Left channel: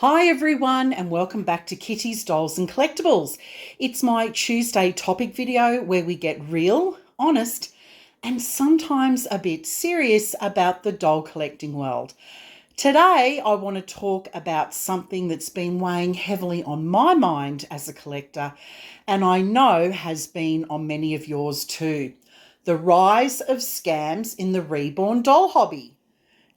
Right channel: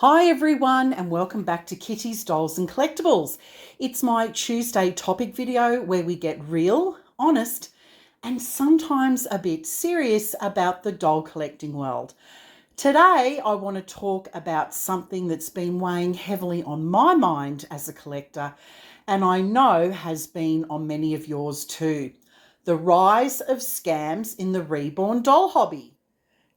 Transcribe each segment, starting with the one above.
Hi everyone and welcome back to Kitty's Dolls and Collectibles. It's my Tuesday topic video where we get real, honest and sometimes a bit serious about the doll collecting world. Today I want to talk about something that's been weighing heavily on my mind as a collector and I know has been on many of yours too. The rise of scams in the reborn doll hobby.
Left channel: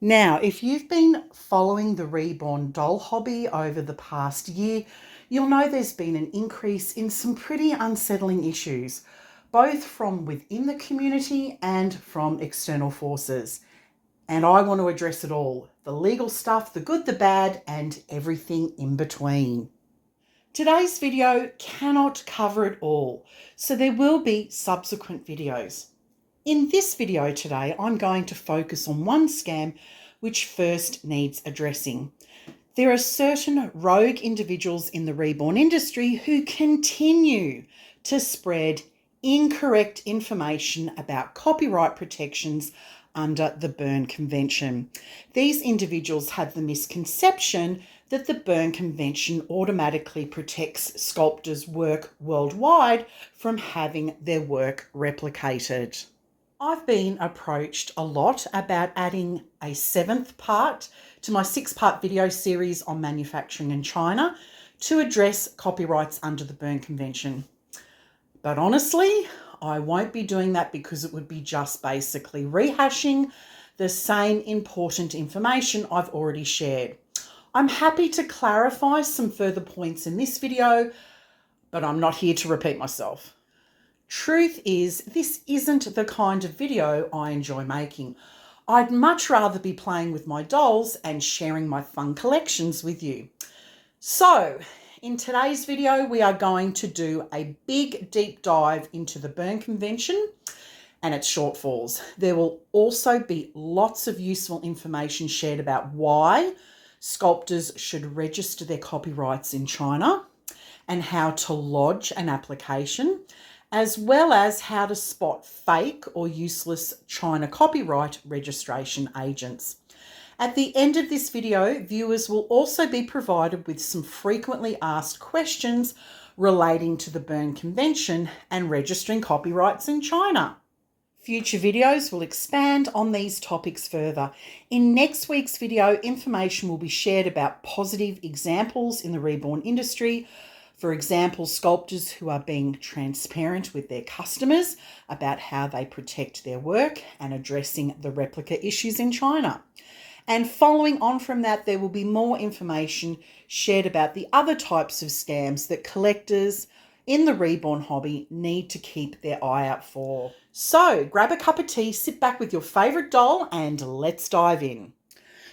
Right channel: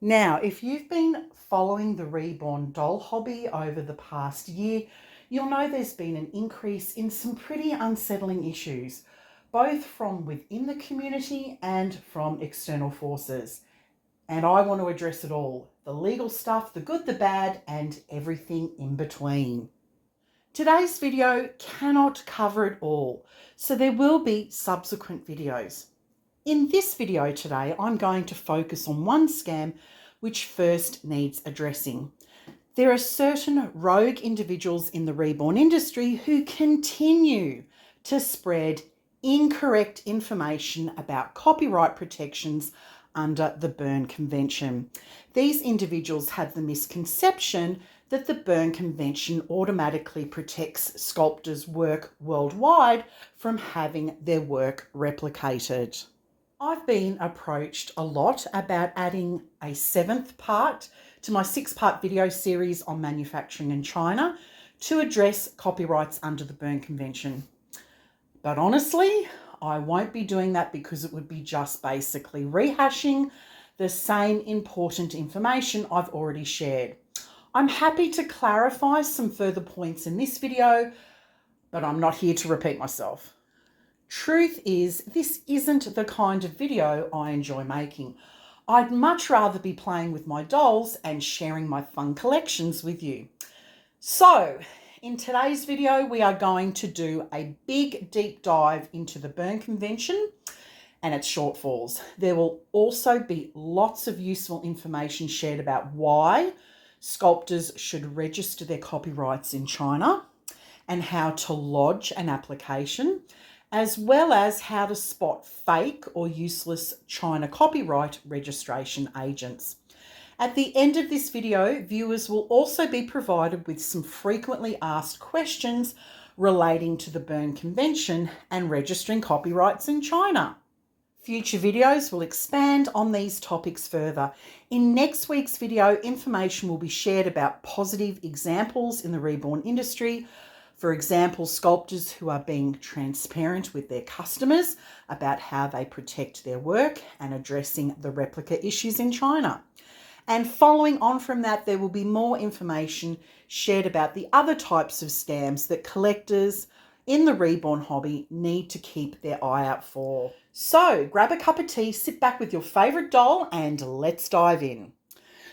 Now, if you've been following the Reborn Doll Hobby over the past year, you'll know there's been an increase in some pretty unsettling issues, both from within the community and from external forces. And I want to address it all, the legal stuff, the good, the bad, and everything in between. Today's video cannot cover it all, so there will be subsequent videos. In this video today, I'm going to focus on one scam which first needs addressing. There are certain rogue individuals in the reborn industry who continue to spread incorrect information about copyright protections under the Berne Convention. These individuals have the misconception that the Berne Convention automatically protects sculptors' work worldwide from having their work replicated. I've been approached a lot about adding a 7th part to my 6-part video series on manufacturing in China to address copyrights under the Berne Convention. But honestly, I won't be doing that because it would be just basically rehashing the same important information I've already shared. I'm happy to clarify some further points in this video, but I'm not here to repeat myself. Truth is, this isn't the kind of video I enjoy making. I'd much rather be playing with my dolls and sharing my fun collections with you. So, in today's video, we are going to do a big deep dive into the Berne Convention and its shortfalls. There will also be lots of useful information shared about why sculptors should register their copyrights in China and how to lodge an application, as well as how to spot fake or useless China copyright registration agents. At the end of this video, viewers will also be provided with some frequently asked questions relating to the Berne Convention and registering copyrights in China. Future videos will expand on these topics further. In next week's video, information will be shared about positive examples in the reborn industry. For example, sculptors who are being transparent with their customers about how they protect their work and addressing the replica issues in China. And following on from that, there will be more information shared about the other types of scams that collectors in the reborn hobby need to keep their eye out for. So grab a cup of tea, sit back with your favourite doll and let's dive in.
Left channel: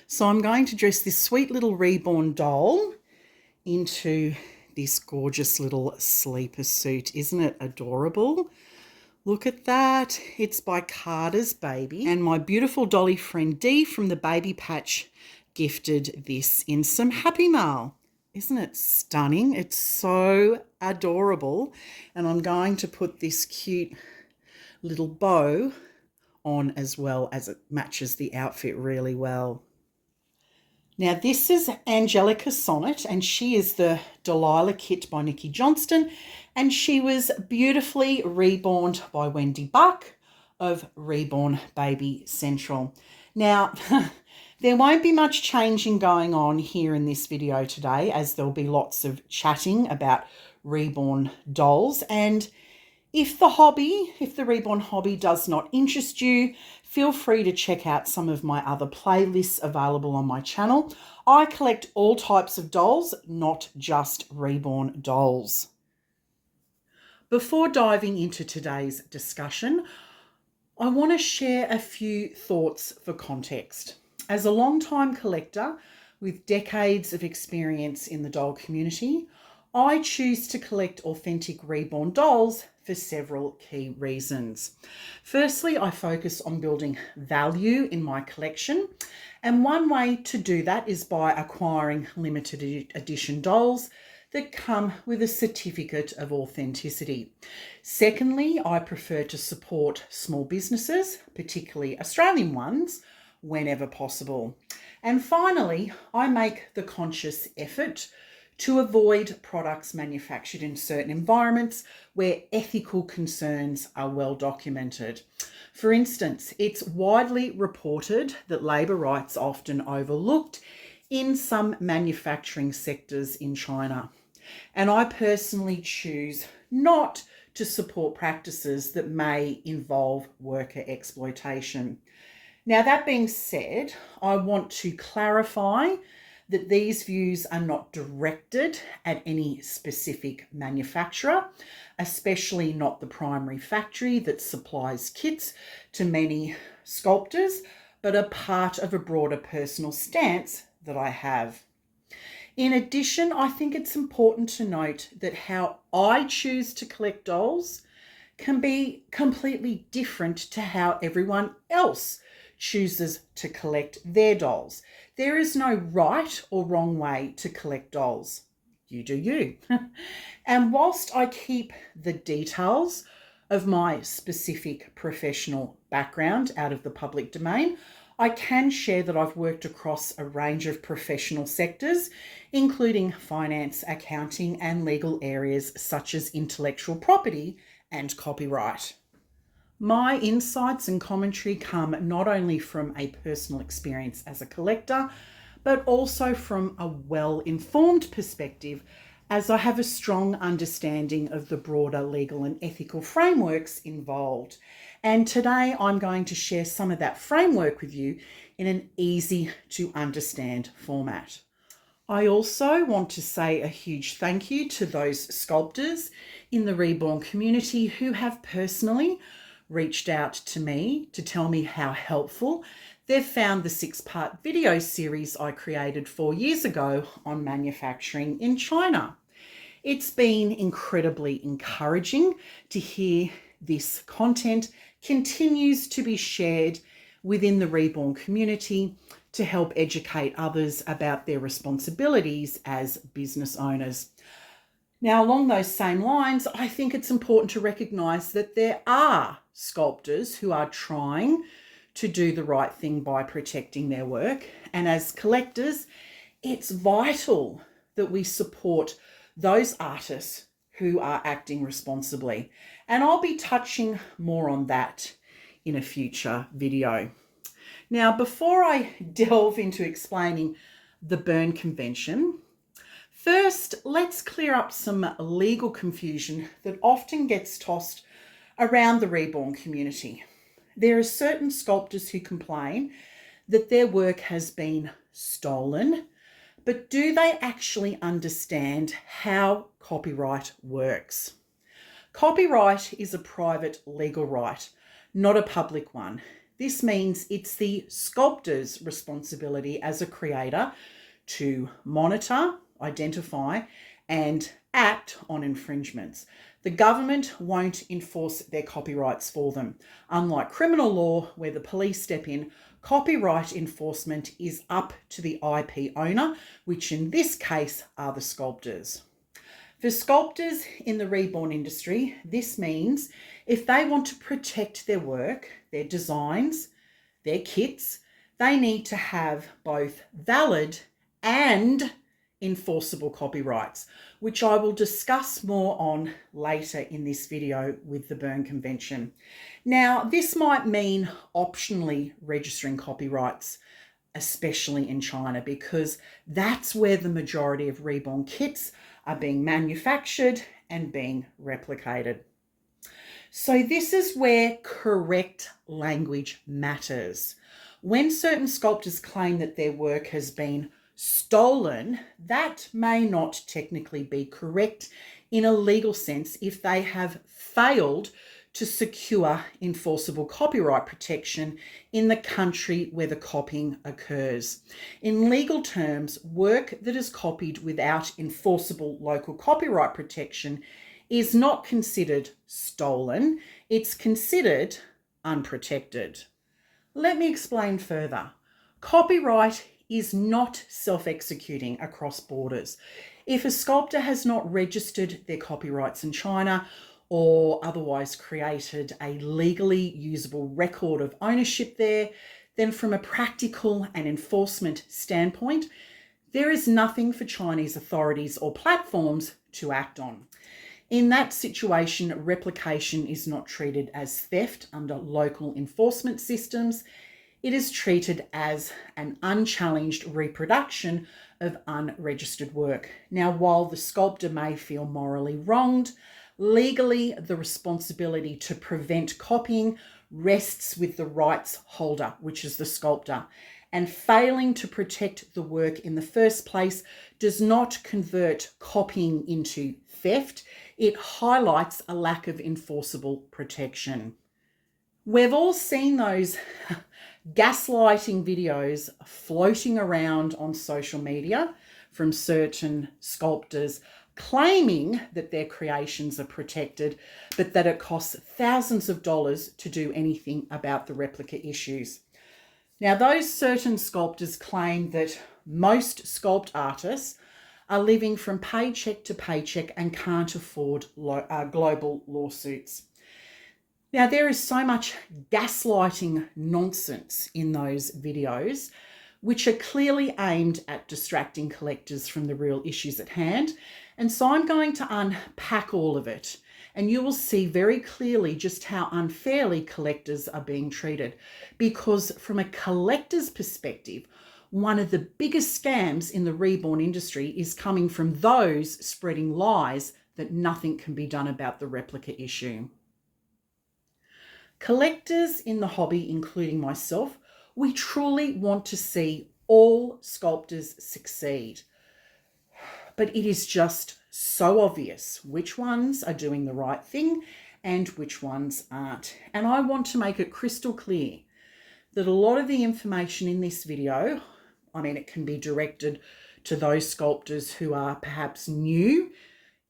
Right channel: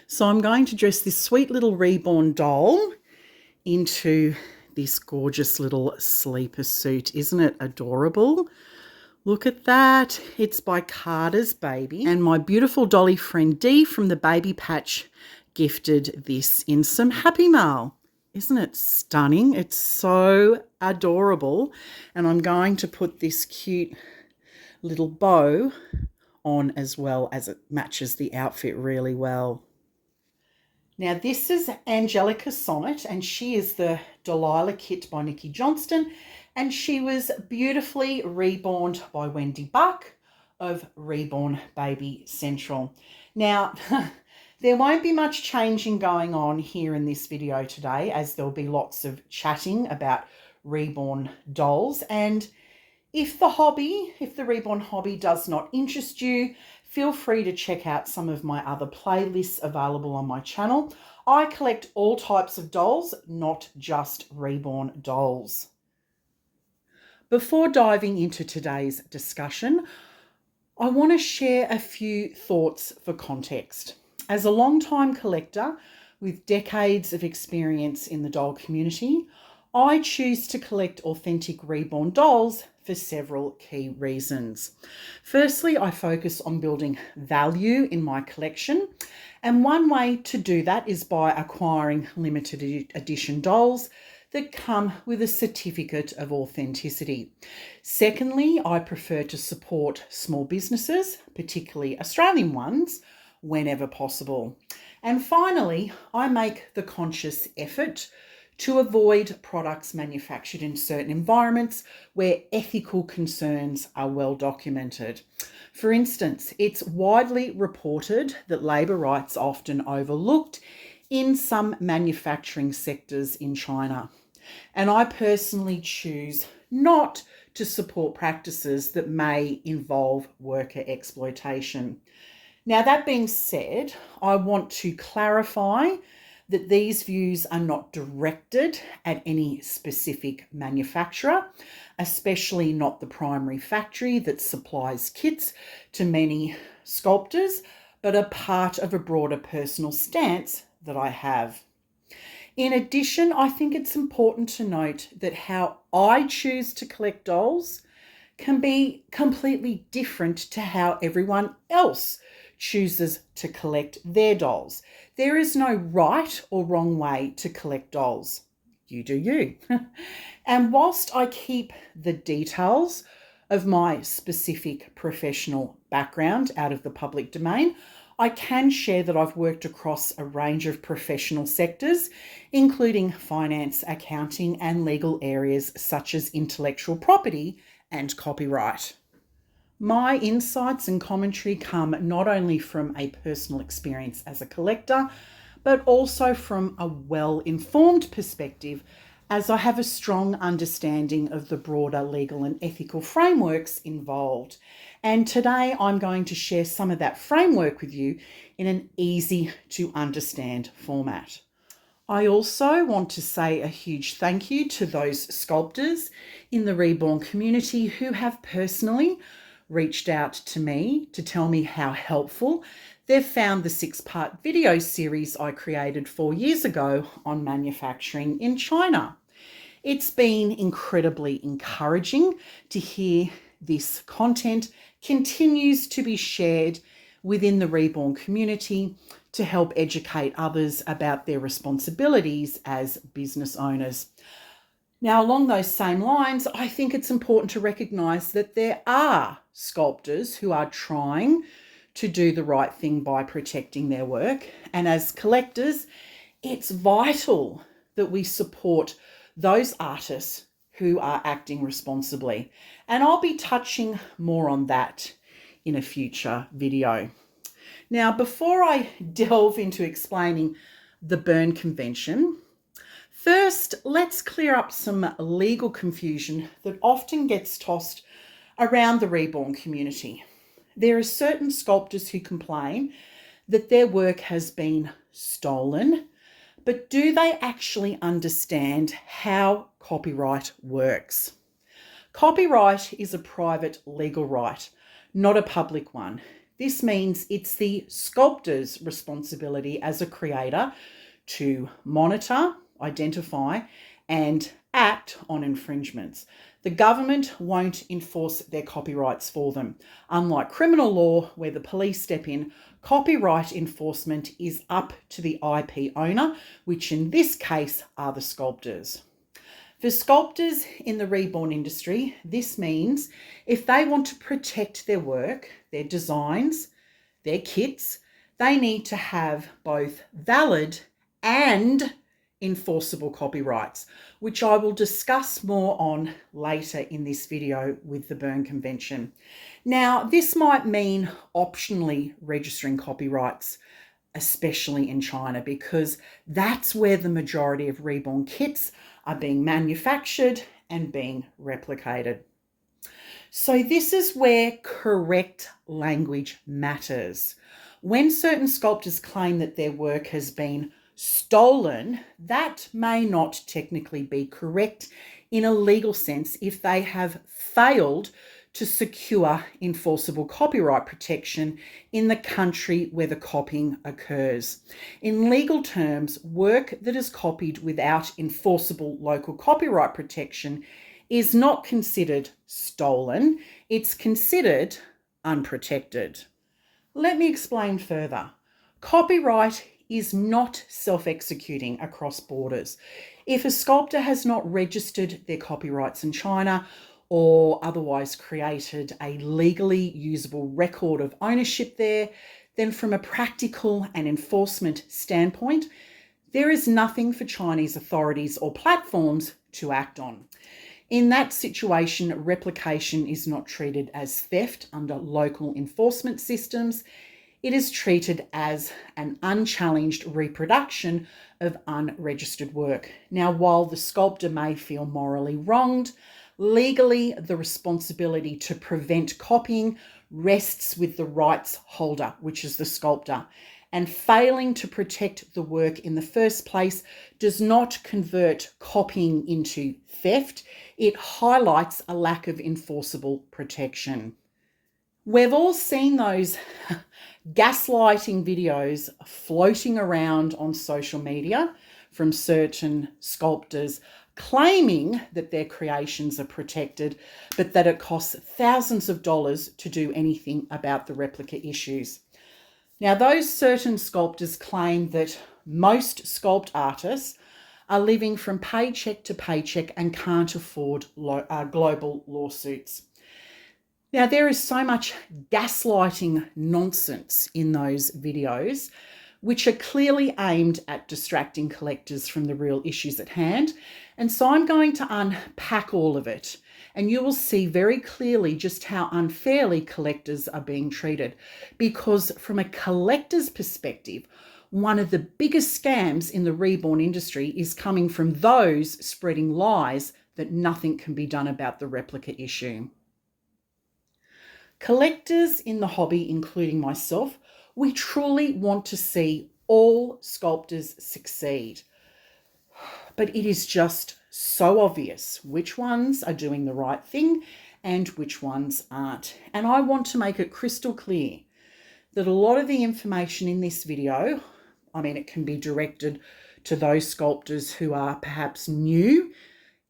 So I'm going to dress this sweet little reborn doll into this gorgeous little sleeper suit. Isn't it adorable? Look at that. It's by Carter's Baby. And my beautiful dolly friend Dee from the Baby Patch gifted this in some Happy Mail. Isn't it stunning? It's so adorable. And I'm going to put this cute little bow on as well, as it matches the outfit really well. Now this is Angelica Sonnet and she is the Delilah kit by Nikki Johnston and she was beautifully reborn by Wendy Buck of Reborn Baby Central. Now there won't be much changing going on here in this video today, as there'll be lots of chatting about reborn dolls, and if the reborn hobby does not interest you, feel free to check out some of my other playlists available on my channel. I collect all types of dolls, not just reborn dolls. Before diving into today's discussion, I want to share a few thoughts for context. As a long-time collector with decades of experience in the doll community, I choose to collect authentic reborn dolls for several key reasons. Firstly, I focus on building value in my collection, and one way to do that is by acquiring limited edition dolls that come with a certificate of authenticity. Secondly, I prefer to support small businesses, particularly Australian ones, whenever possible. And finally, I make the conscious effort to avoid products manufactured in certain environments where ethical concerns are well documented. For instance, it's widely reported that labour rights are often overlooked in some manufacturing sectors in China. And I personally choose not to support practices that may involve worker exploitation. Now, that being said, I want to clarify that these views are not directed at any specific manufacturer, especially not the primary factory that supplies kits to many sculptors, but are part of a broader personal stance that I have. In addition, I think it's important to note that how I choose to collect dolls can be completely different to how everyone else chooses to collect their dolls. There is no right or wrong way to collect dolls. You do you. And whilst I keep the details of my specific professional background out of the public domain, I can share that I've worked across a range of professional sectors, including finance, accounting, and legal areas such as intellectual property and copyright. My insights and commentary come not only from a personal experience as a collector, but also from a well-informed perspective, as I have a strong understanding of the broader legal and ethical frameworks involved. And today I'm going to share some of that framework with you in an easy to understand format. I also want to say a huge thank you to those sculptors in the Reborn community who have personally reached out to me to tell me how helpful they've found the 6-part video series I created 4 years ago on manufacturing in China. It's been incredibly encouraging to hear this content continues to be shared within the Reborn community to help educate others about their responsibilities as business owners. Now, along those same lines, I think it's important to recognise that there are sculptors who are trying to do the right thing by protecting their work. And as collectors, it's vital that we support those artists who are acting responsibly. And I'll be touching more on that in a future video. Now, before I delve into explaining the Berne Convention, first, let's clear up some legal confusion that often gets tossed around the Reborn community. There are certain sculptors who complain that their work has been stolen, but do they actually understand how copyright works? Copyright is a private legal right, not a public one. This means it's the sculptor's responsibility as a creator to monitor, identify, and act on infringements. The government won't enforce their copyrights for them. Unlike criminal law, where the police step in, copyright enforcement is up to the IP owner, which in this case are the sculptors. For sculptors in the Reborn industry, this means if they want to protect their work, their designs, their kits, they need to have both valid and enforceable copyrights, which I will discuss more on later in this video with the Berne Convention. Now, this might mean optionally registering copyrights, especially in China, because that's where the majority of Reborn kits are being manufactured and being replicated. So this is where correct language matters. When certain sculptors claim that their work has been stolen, that may not technically be correct in a legal sense if they have failed to secure enforceable copyright protection in the country where the copying occurs. In legal terms, work that is copied without enforceable local copyright protection is not considered stolen, it's considered unprotected. Let me explain further. Copyright is not self-executing across borders. If a sculptor has not registered their copyrights in China or otherwise created a legally usable record of ownership there, then from a practical and enforcement standpoint, there is nothing for Chinese authorities or platforms to act on. In that situation, replication is not treated as theft under local enforcement systems. It is treated as an unchallenged reproduction of unregistered work. Now, while the sculptor may feel morally wronged, legally the responsibility to prevent copying rests with the rights holder, which is the sculptor. And failing to protect the work in the first place does not convert copying into theft. It highlights a lack of enforceable protection. We've all seen those gaslighting videos floating around on social media from certain sculptors claiming that their creations are protected, but that it costs thousands of dollars to do anything about the replica issues. Now, those certain sculptors claim that most sculpt artists are living from paycheck to paycheck and can't afford global lawsuits. Now, there is so much gaslighting nonsense in those videos, which are clearly aimed at distracting collectors from the real issues at hand. And so I'm going to unpack all of it, and you will see very clearly just how unfairly collectors are being treated. Because from a collector's perspective, one of the biggest scams in the reborn industry is coming from those spreading lies that nothing can be done about the replica issue. Collectors in the hobby, including myself, we truly want to see all sculptors succeed. But it is just so obvious which ones are doing the right thing and which ones aren't. And I want to make it crystal clear that a lot of the information in this video, it can be directed to those sculptors who are perhaps new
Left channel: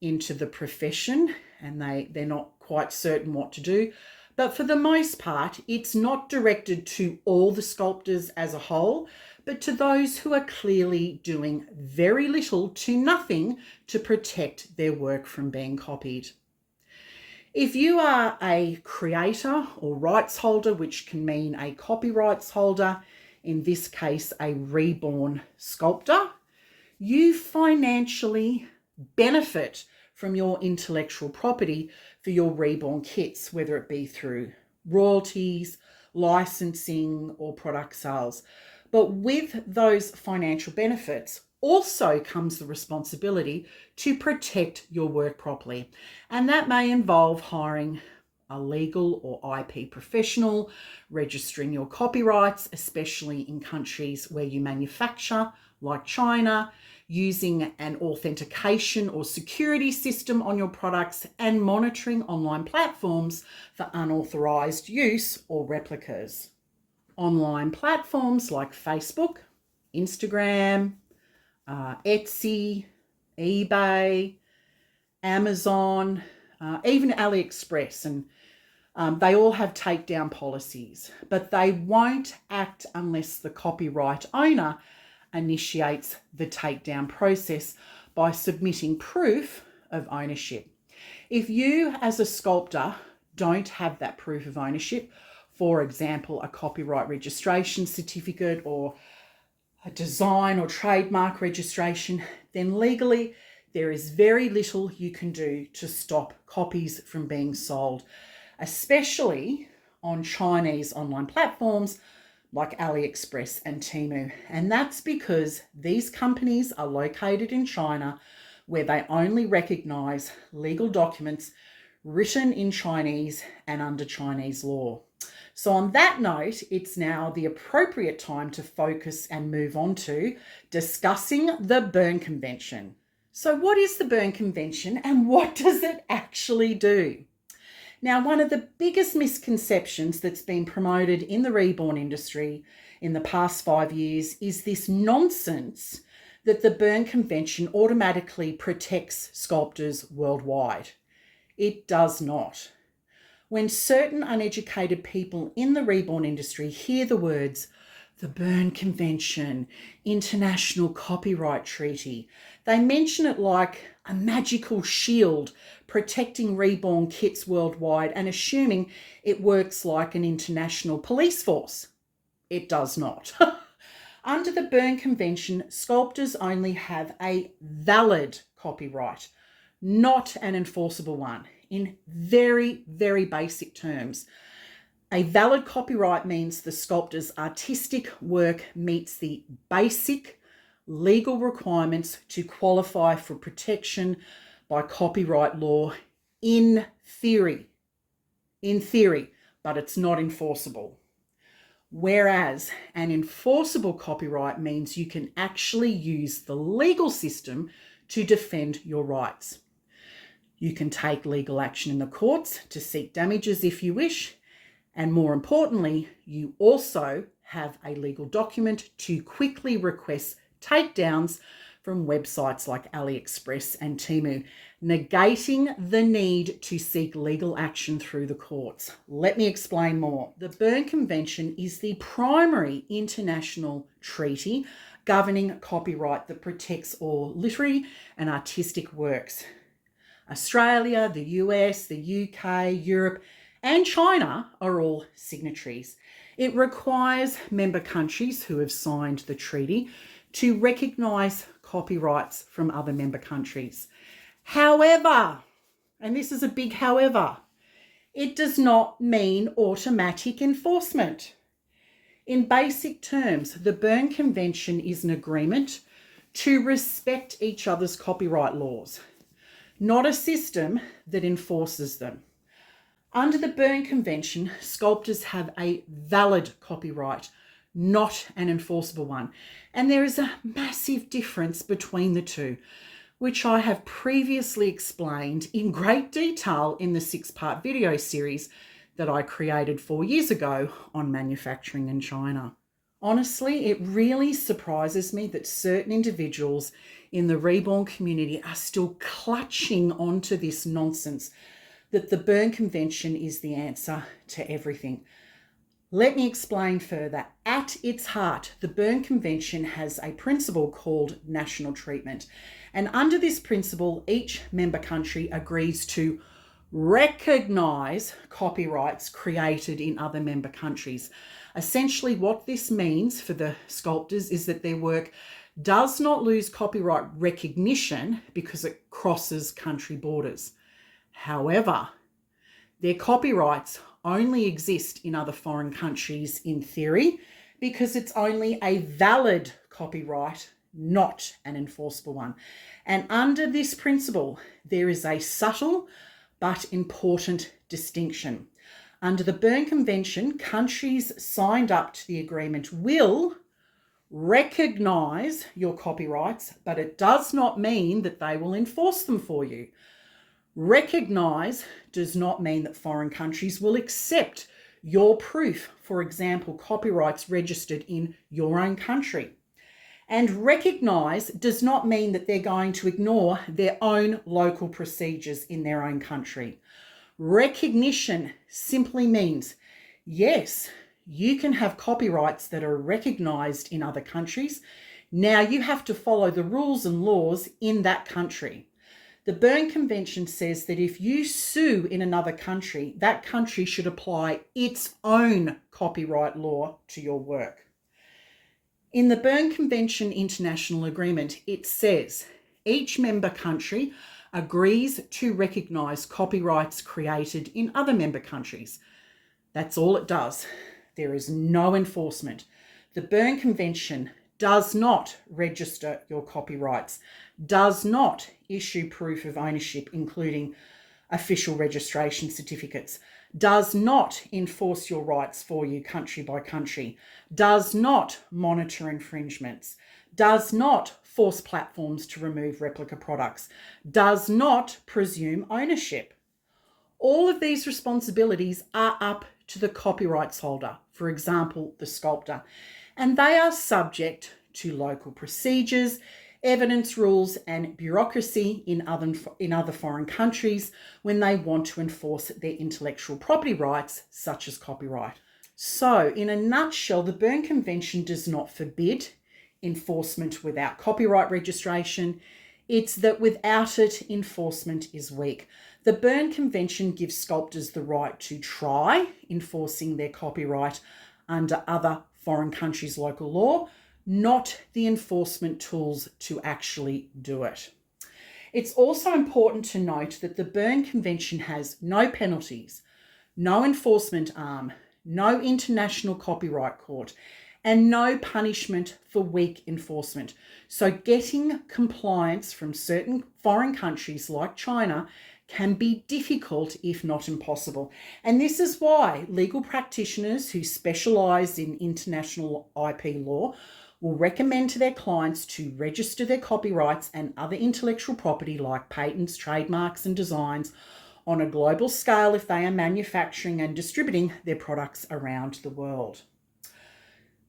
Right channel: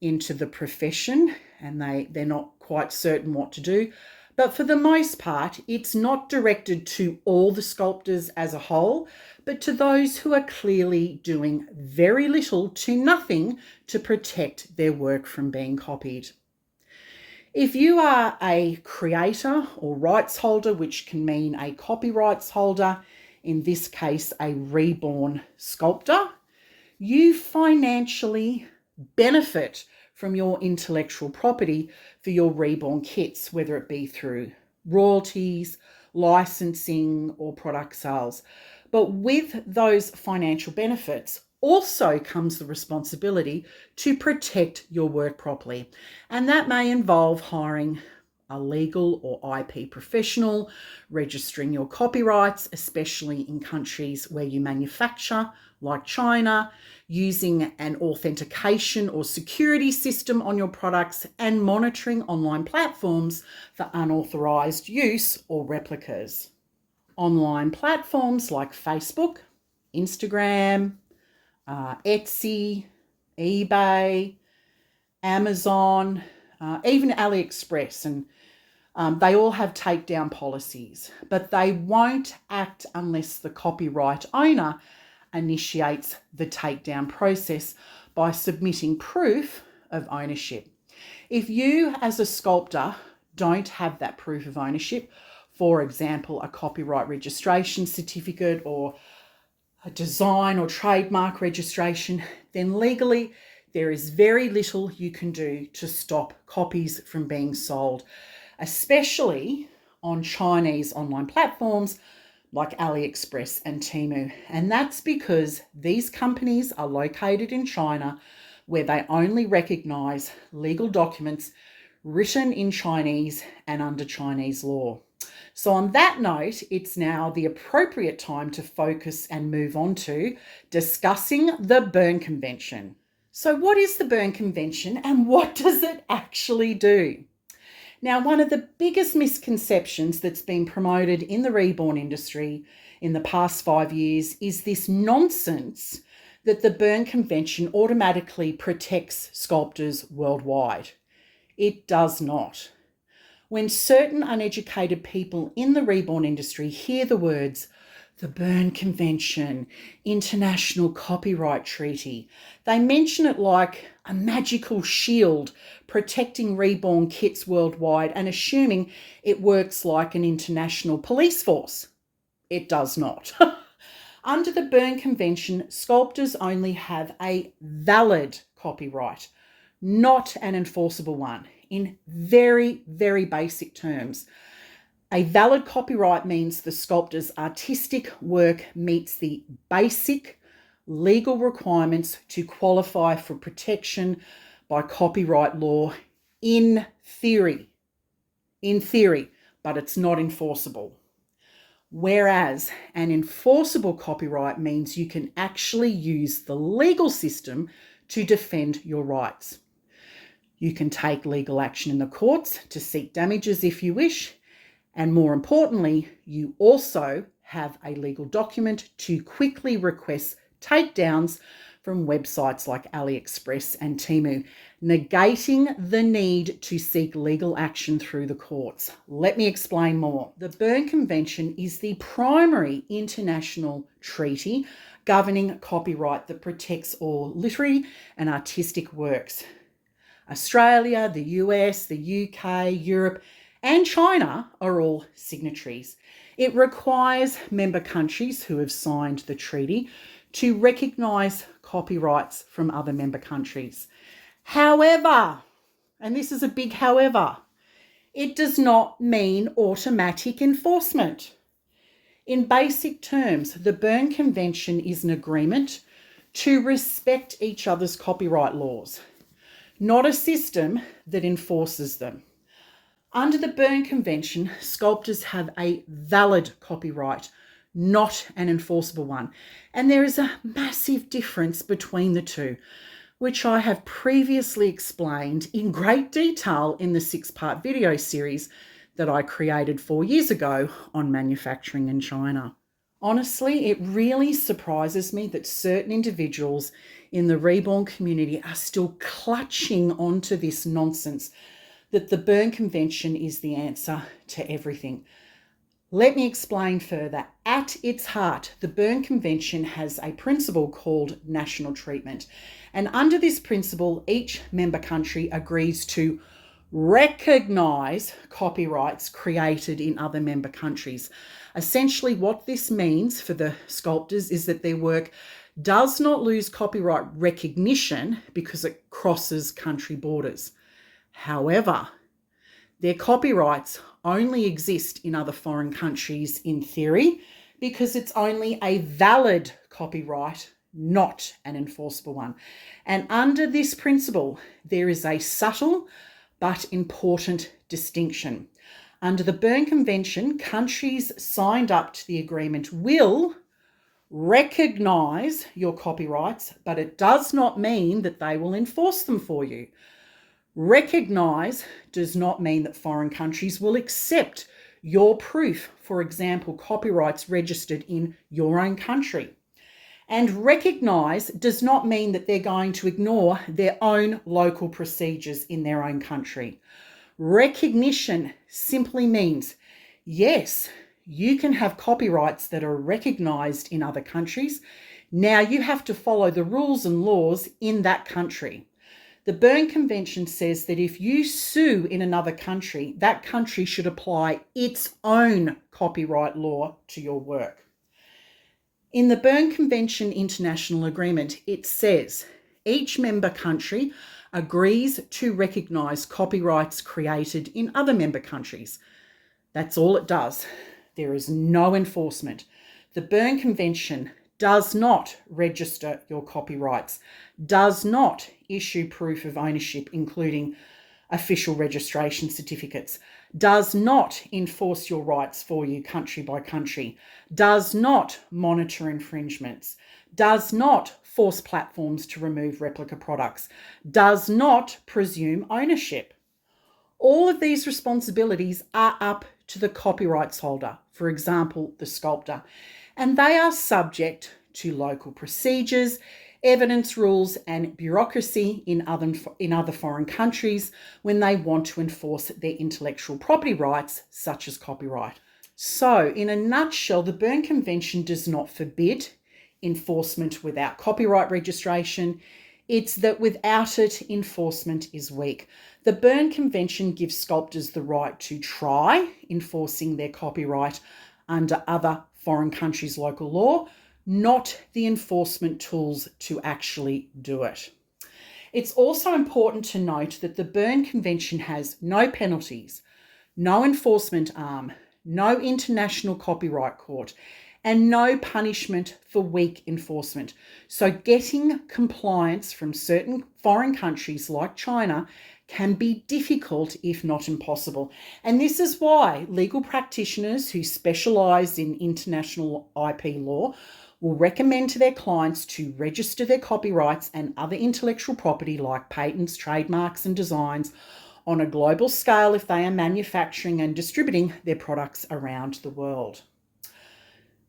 into the profession and they're not quite certain what to do. But for the most part, it's not directed to all the sculptors as a whole, but to those who are clearly doing very little to nothing to protect their work from being copied. If you are a creator or rights holder, which can mean a copyrights holder, in this case a reborn sculptor, you financially benefit from your intellectual property for your reborn kits, whether it be through royalties, licensing, or product sales. But with those financial benefits also comes the responsibility to protect your work properly. And that may involve hiring a legal or IP professional, registering your copyrights, especially in countries where you manufacture, like China, using an authentication or security system on your products, and monitoring online platforms for unauthorized use or replicas. Online platforms like Facebook, Instagram, Etsy, eBay, Amazon, even AliExpress, and they all have takedown policies, but they won't act unless the copyright owner initiates the takedown process by submitting proof of ownership. If you as a sculptor don't have that proof of ownership, for example, a copyright registration certificate or a design or trademark registration, then legally there is very little you can do to stop copies from being sold, especially on Chinese online platforms like AliExpress and Temu. And that's because these companies are located in China, where they only recognize legal documents written in Chinese and under Chinese law. So on that note, it's now the appropriate time to focus and move on to discussing the Berne Convention. So what is the Berne Convention and what does it actually do? Now, one of the biggest misconceptions that's been promoted in the reborn industry in the past 5 years is this nonsense that the Berne Convention automatically protects sculptors worldwide. It does not. When certain uneducated people in the reborn industry hear the words, the Berne Convention, International Copyright Treaty, they mention it like a magical shield protecting reborn kits worldwide and assuming it works like an international police force. It does not. Under the Berne Convention, sculptors only have a valid copyright, not an enforceable one. In very, very basic terms, a valid copyright means the sculptor's artistic work meets the basic legal requirements to qualify for protection by copyright law in theory, but it's not enforceable. Whereas an enforceable copyright means you can actually use the legal system to defend your rights. You can take legal action in the courts to seek damages if you wish, and more importantly, you also have a legal document to quickly request takedowns from websites like AliExpress and Temu, negating the need to seek legal action through the courts. Let me explain more. The Berne Convention is the primary international treaty governing copyright that protects all literary and artistic works. Australia, the US, the UK, Europe, and China are all signatories. It requires member countries who have signed the treaty to recognise copyrights from other member countries. However, and this is a big however, it does not mean automatic enforcement. In basic terms, the Berne Convention is an agreement to respect each other's copyright laws, not a system that enforces them. Under the Berne Convention, sculptors have a valid copyright, not an enforceable one. And there is a massive difference between the two, which I have previously explained in great detail in the 6-part video series that I created 4 years ago on manufacturing in China. Honestly, it really surprises me that certain individuals in the Reborn community are still clutching onto this nonsense that the Berne Convention is the answer to everything. Let me explain further. At its heart, the Berne Convention has a principle called national treatment. And under this principle, each member country agrees to recognise copyrights created in other member countries. Essentially, what this means for the sculptors is that their work does not lose copyright recognition because it crosses country borders. However, their copyrights only exist in other foreign countries in theory because it's only a valid copyright, not an enforceable one. And under this principle, there is a subtle but important distinction. Under the Berne Convention, countries signed up to the agreement will recognise your copyrights, but it does not mean that they will enforce them for you. Recognise does not mean that foreign countries will accept your proof, for example, copyrights registered in your own country. And recognise does not mean that they're going to ignore their own local procedures in their own country. Recognition simply means, yes, you can have copyrights that are recognised in other countries. Now you have to follow the rules and laws in that country. The Berne Convention says that if you sue in another country, that country should apply its own copyright law to your work. In the Berne Convention International Agreement, it says each member country agrees to recognise copyrights created in other member countries. That's all it does. There is no enforcement. The Berne Convention does not register your copyrights, does not issue proof of ownership, including official registration certificates, does not enforce your rights for you country by country, does not monitor infringements, does not force platforms to remove replica products, does not presume ownership. All of these responsibilities are up to the copyrights holder, for example, the sculptor, and they are subject to local procedures, evidence rules and bureaucracy in other foreign countries when they want to enforce their intellectual property rights, such as copyright. So, in a nutshell, the Berne Convention does not forbid enforcement without copyright registration. It's that without it, enforcement is weak. The Berne Convention gives sculptors the right to try enforcing their copyright under other foreign countries' local law, not the enforcement tools to actually do it. It's also important to note that the Berne Convention has no penalties, no enforcement arm, no international copyright court, and no punishment for weak enforcement. So getting compliance from certain foreign countries like China can be difficult, if not impossible. And this is why legal practitioners who specialise in international IP law will recommend to their clients to register their copyrights and other intellectual property like patents, trademarks and designs on a global scale if they are manufacturing and distributing their products around the world.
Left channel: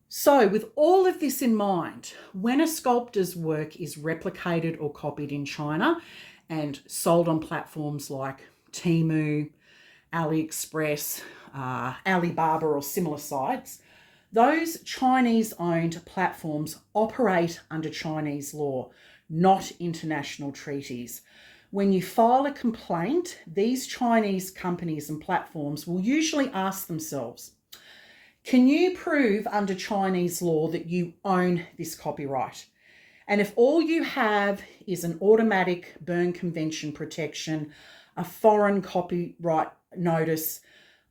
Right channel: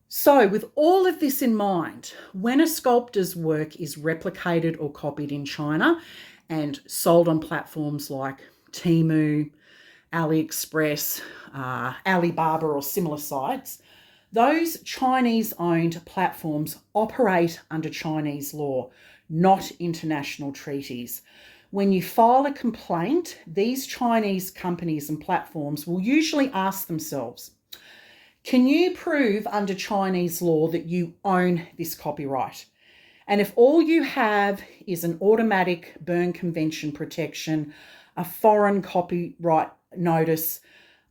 So with all of this in mind, when a sculptor's work is replicated or copied in China and sold on platforms like Temu, AliExpress, Alibaba or similar sites, those Chinese-owned platforms operate under Chinese law, not international treaties. When you file a complaint, these Chinese companies and platforms will usually ask themselves, can you prove under Chinese law that you own this copyright? And if all you have is an automatic Berne Convention protection, a foreign copyright notice,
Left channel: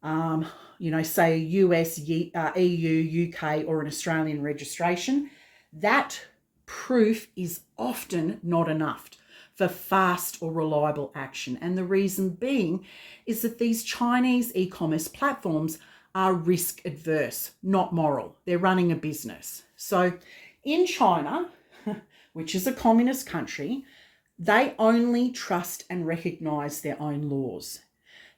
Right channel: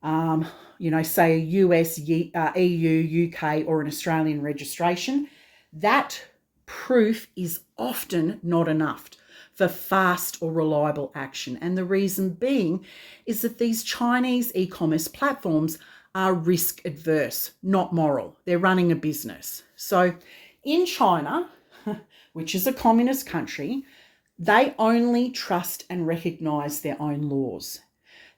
say a US, EU, UK, or an Australian registration, that proof is often not enough for fast or reliable action. And the reason being is that these Chinese e-commerce platforms are risk adverse, not moral. They're running a business. So in China, which is a communist country, they only trust and recognise their own laws.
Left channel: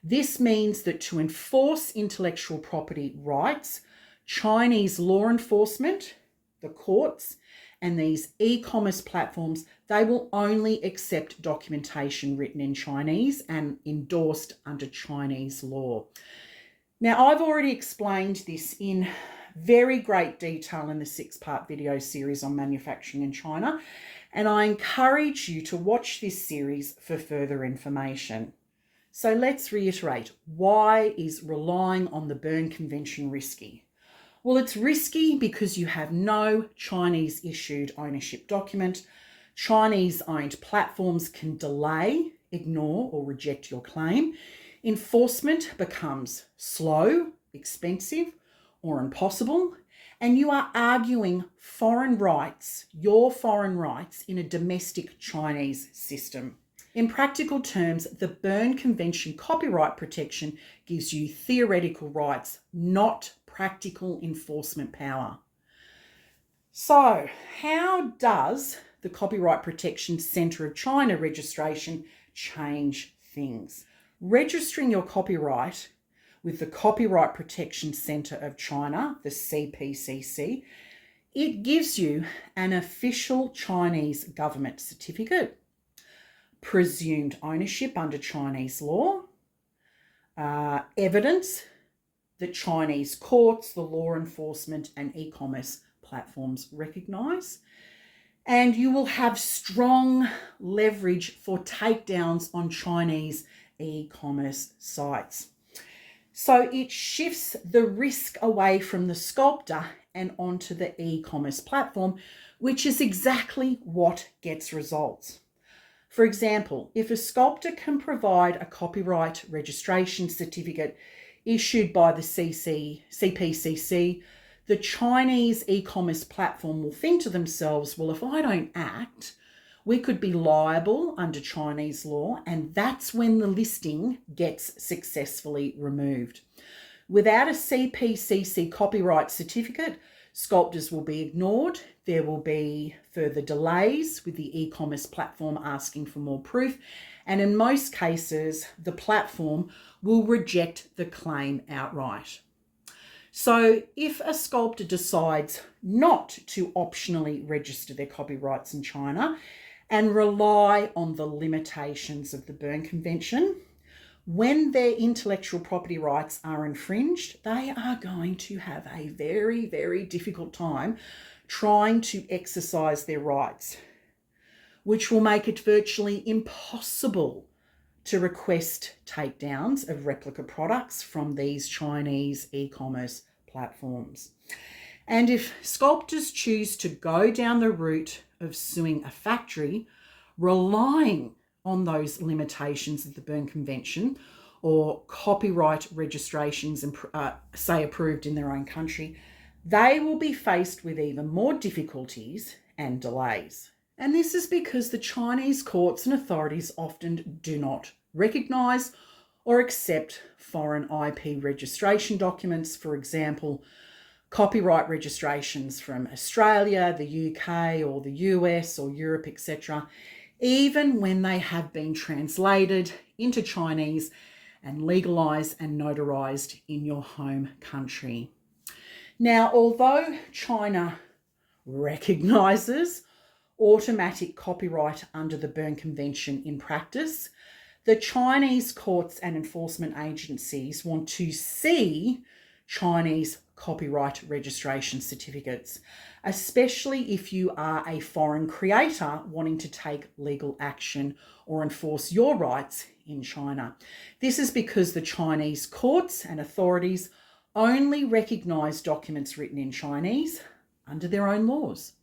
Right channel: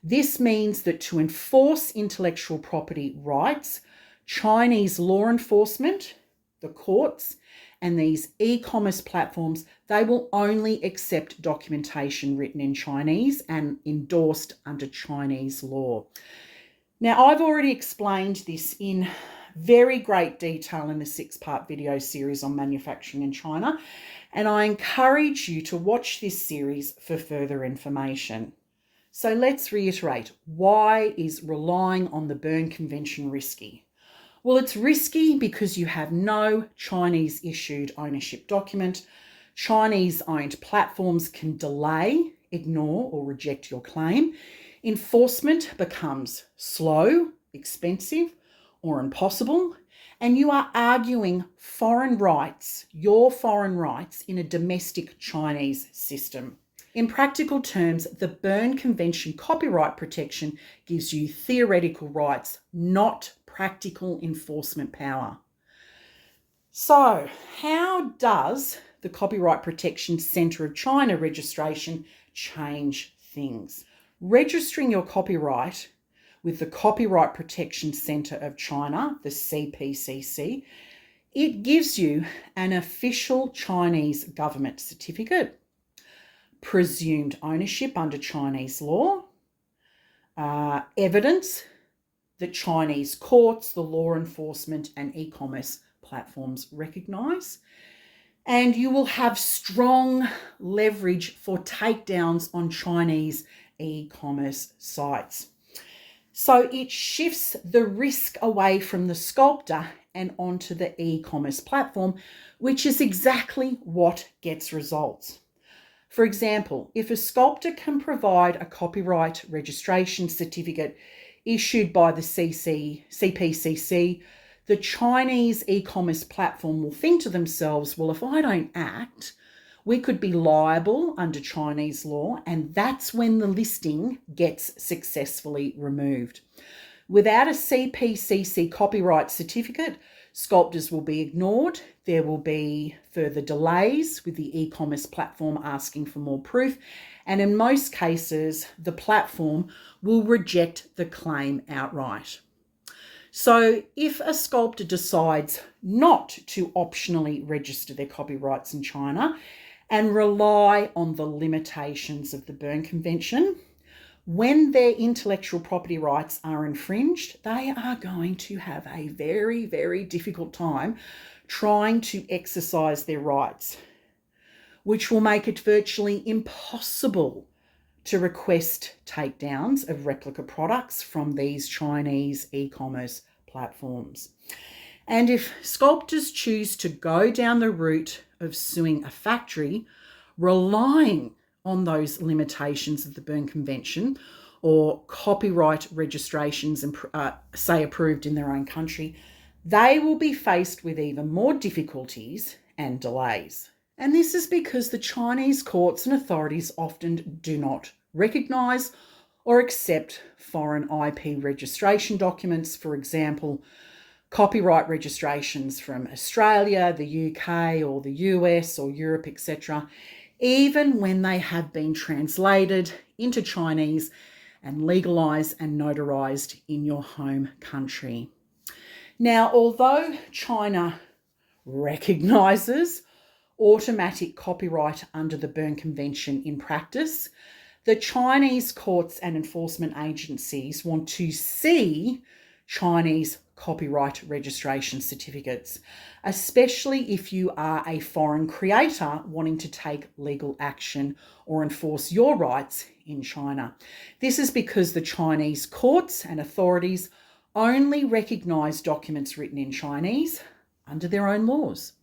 This means that to enforce intellectual property rights, Chinese law enforcement, the courts, and these e-commerce platforms, they will only accept documentation written in Chinese and endorsed under Chinese law. Now, I've already explained this in very great detail in the 6-part video series on manufacturing in China, and I encourage you to watch this series for further information. So let's reiterate, why is relying on the Berne Convention risky? Well, it's risky because you have no Chinese issued ownership document. Chinese owned platforms can delay, ignore or reject your claim. Enforcement becomes slow, expensive or impossible. And you are arguing foreign rights, your foreign rights in a domestic Chinese system. In practical terms, the Berne Convention copyright protection gives you theoretical rights, not practical enforcement power. So, how does the Copyright Protection Centre of China registration change things? Registering your copyright with the Copyright Protection Centre of China, the CPCC, it gives you an official Chinese government certificate, presumed ownership under Chinese law, evidence that Chinese courts, the law enforcement and e-commerce platforms recognise, and you will have strong leverage for takedowns on Chinese e-commerce sites. So it shifts the risk away from the sculptor and onto the e-commerce platform, which is exactly what gets results. For example, if a sculptor can provide a copyright registration certificate issued by the CPCC, the Chinese e-commerce platform will think to themselves, well, if I don't act, we could be liable under Chinese law, and that's when the listing gets successfully removed. Without a CPCC copyright certificate, sculptors will be ignored. There will be further delays with the e-commerce platform asking for more proof. And in most cases, the platform will reject the claim outright. So if a sculptor decides not to optionally register their copyrights in China and rely on the limitations of the Berne Convention, when their intellectual property rights are infringed, they are going to have a very, very difficult time trying to exercise their rights, which will make it virtually impossible to request takedowns of replica products from these Chinese e-commerce platforms. And if sculptors choose to go down the route of suing a factory, relying on those limitations of the Berne Convention or copyright registrations and say approved in their own country, they will be faced with even more difficulties and delays. And this is because the Chinese courts and authorities often do not recognise or accept foreign IP registration documents, for example, copyright registrations from Australia, the UK or the US or Europe, etc., even when they have been translated into Chinese and legalised and notarised in your home country. Now, although China recognises automatic copyright under the Berne Convention in practice, the Chinese courts and enforcement agencies want to see Chinese copyright registration certificates, especially if you are a foreign creator wanting to take legal action or enforce your rights in China. This is because the Chinese courts and authorities only recognise documents written in Chinese under their own laws.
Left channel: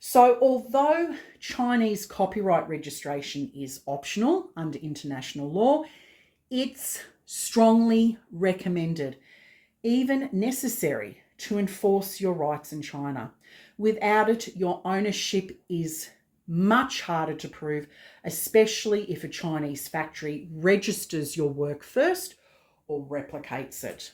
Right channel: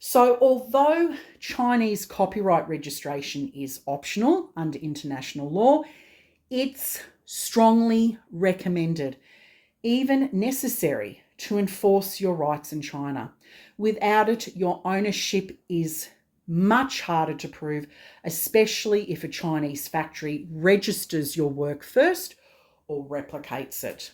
So although Chinese copyright registration is optional under international law, it's strongly recommended, even necessary, to enforce your rights in China. Without it, your ownership is much harder to prove, especially if a Chinese factory registers your work first or replicates it.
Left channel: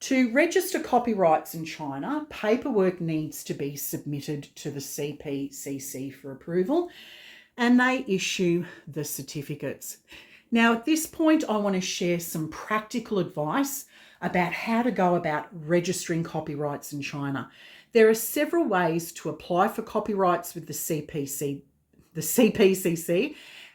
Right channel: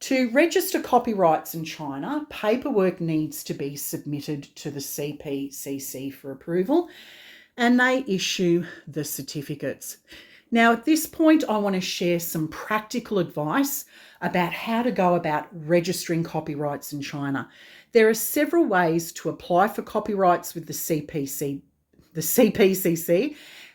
To register copyrights in China, paperwork needs to be submitted to the CPCC for approval, and they issue the certificates. Now, at this point, I want to share some practical advice about how to go about registering copyrights in China. There are several ways to apply for copyrights with the CPCC,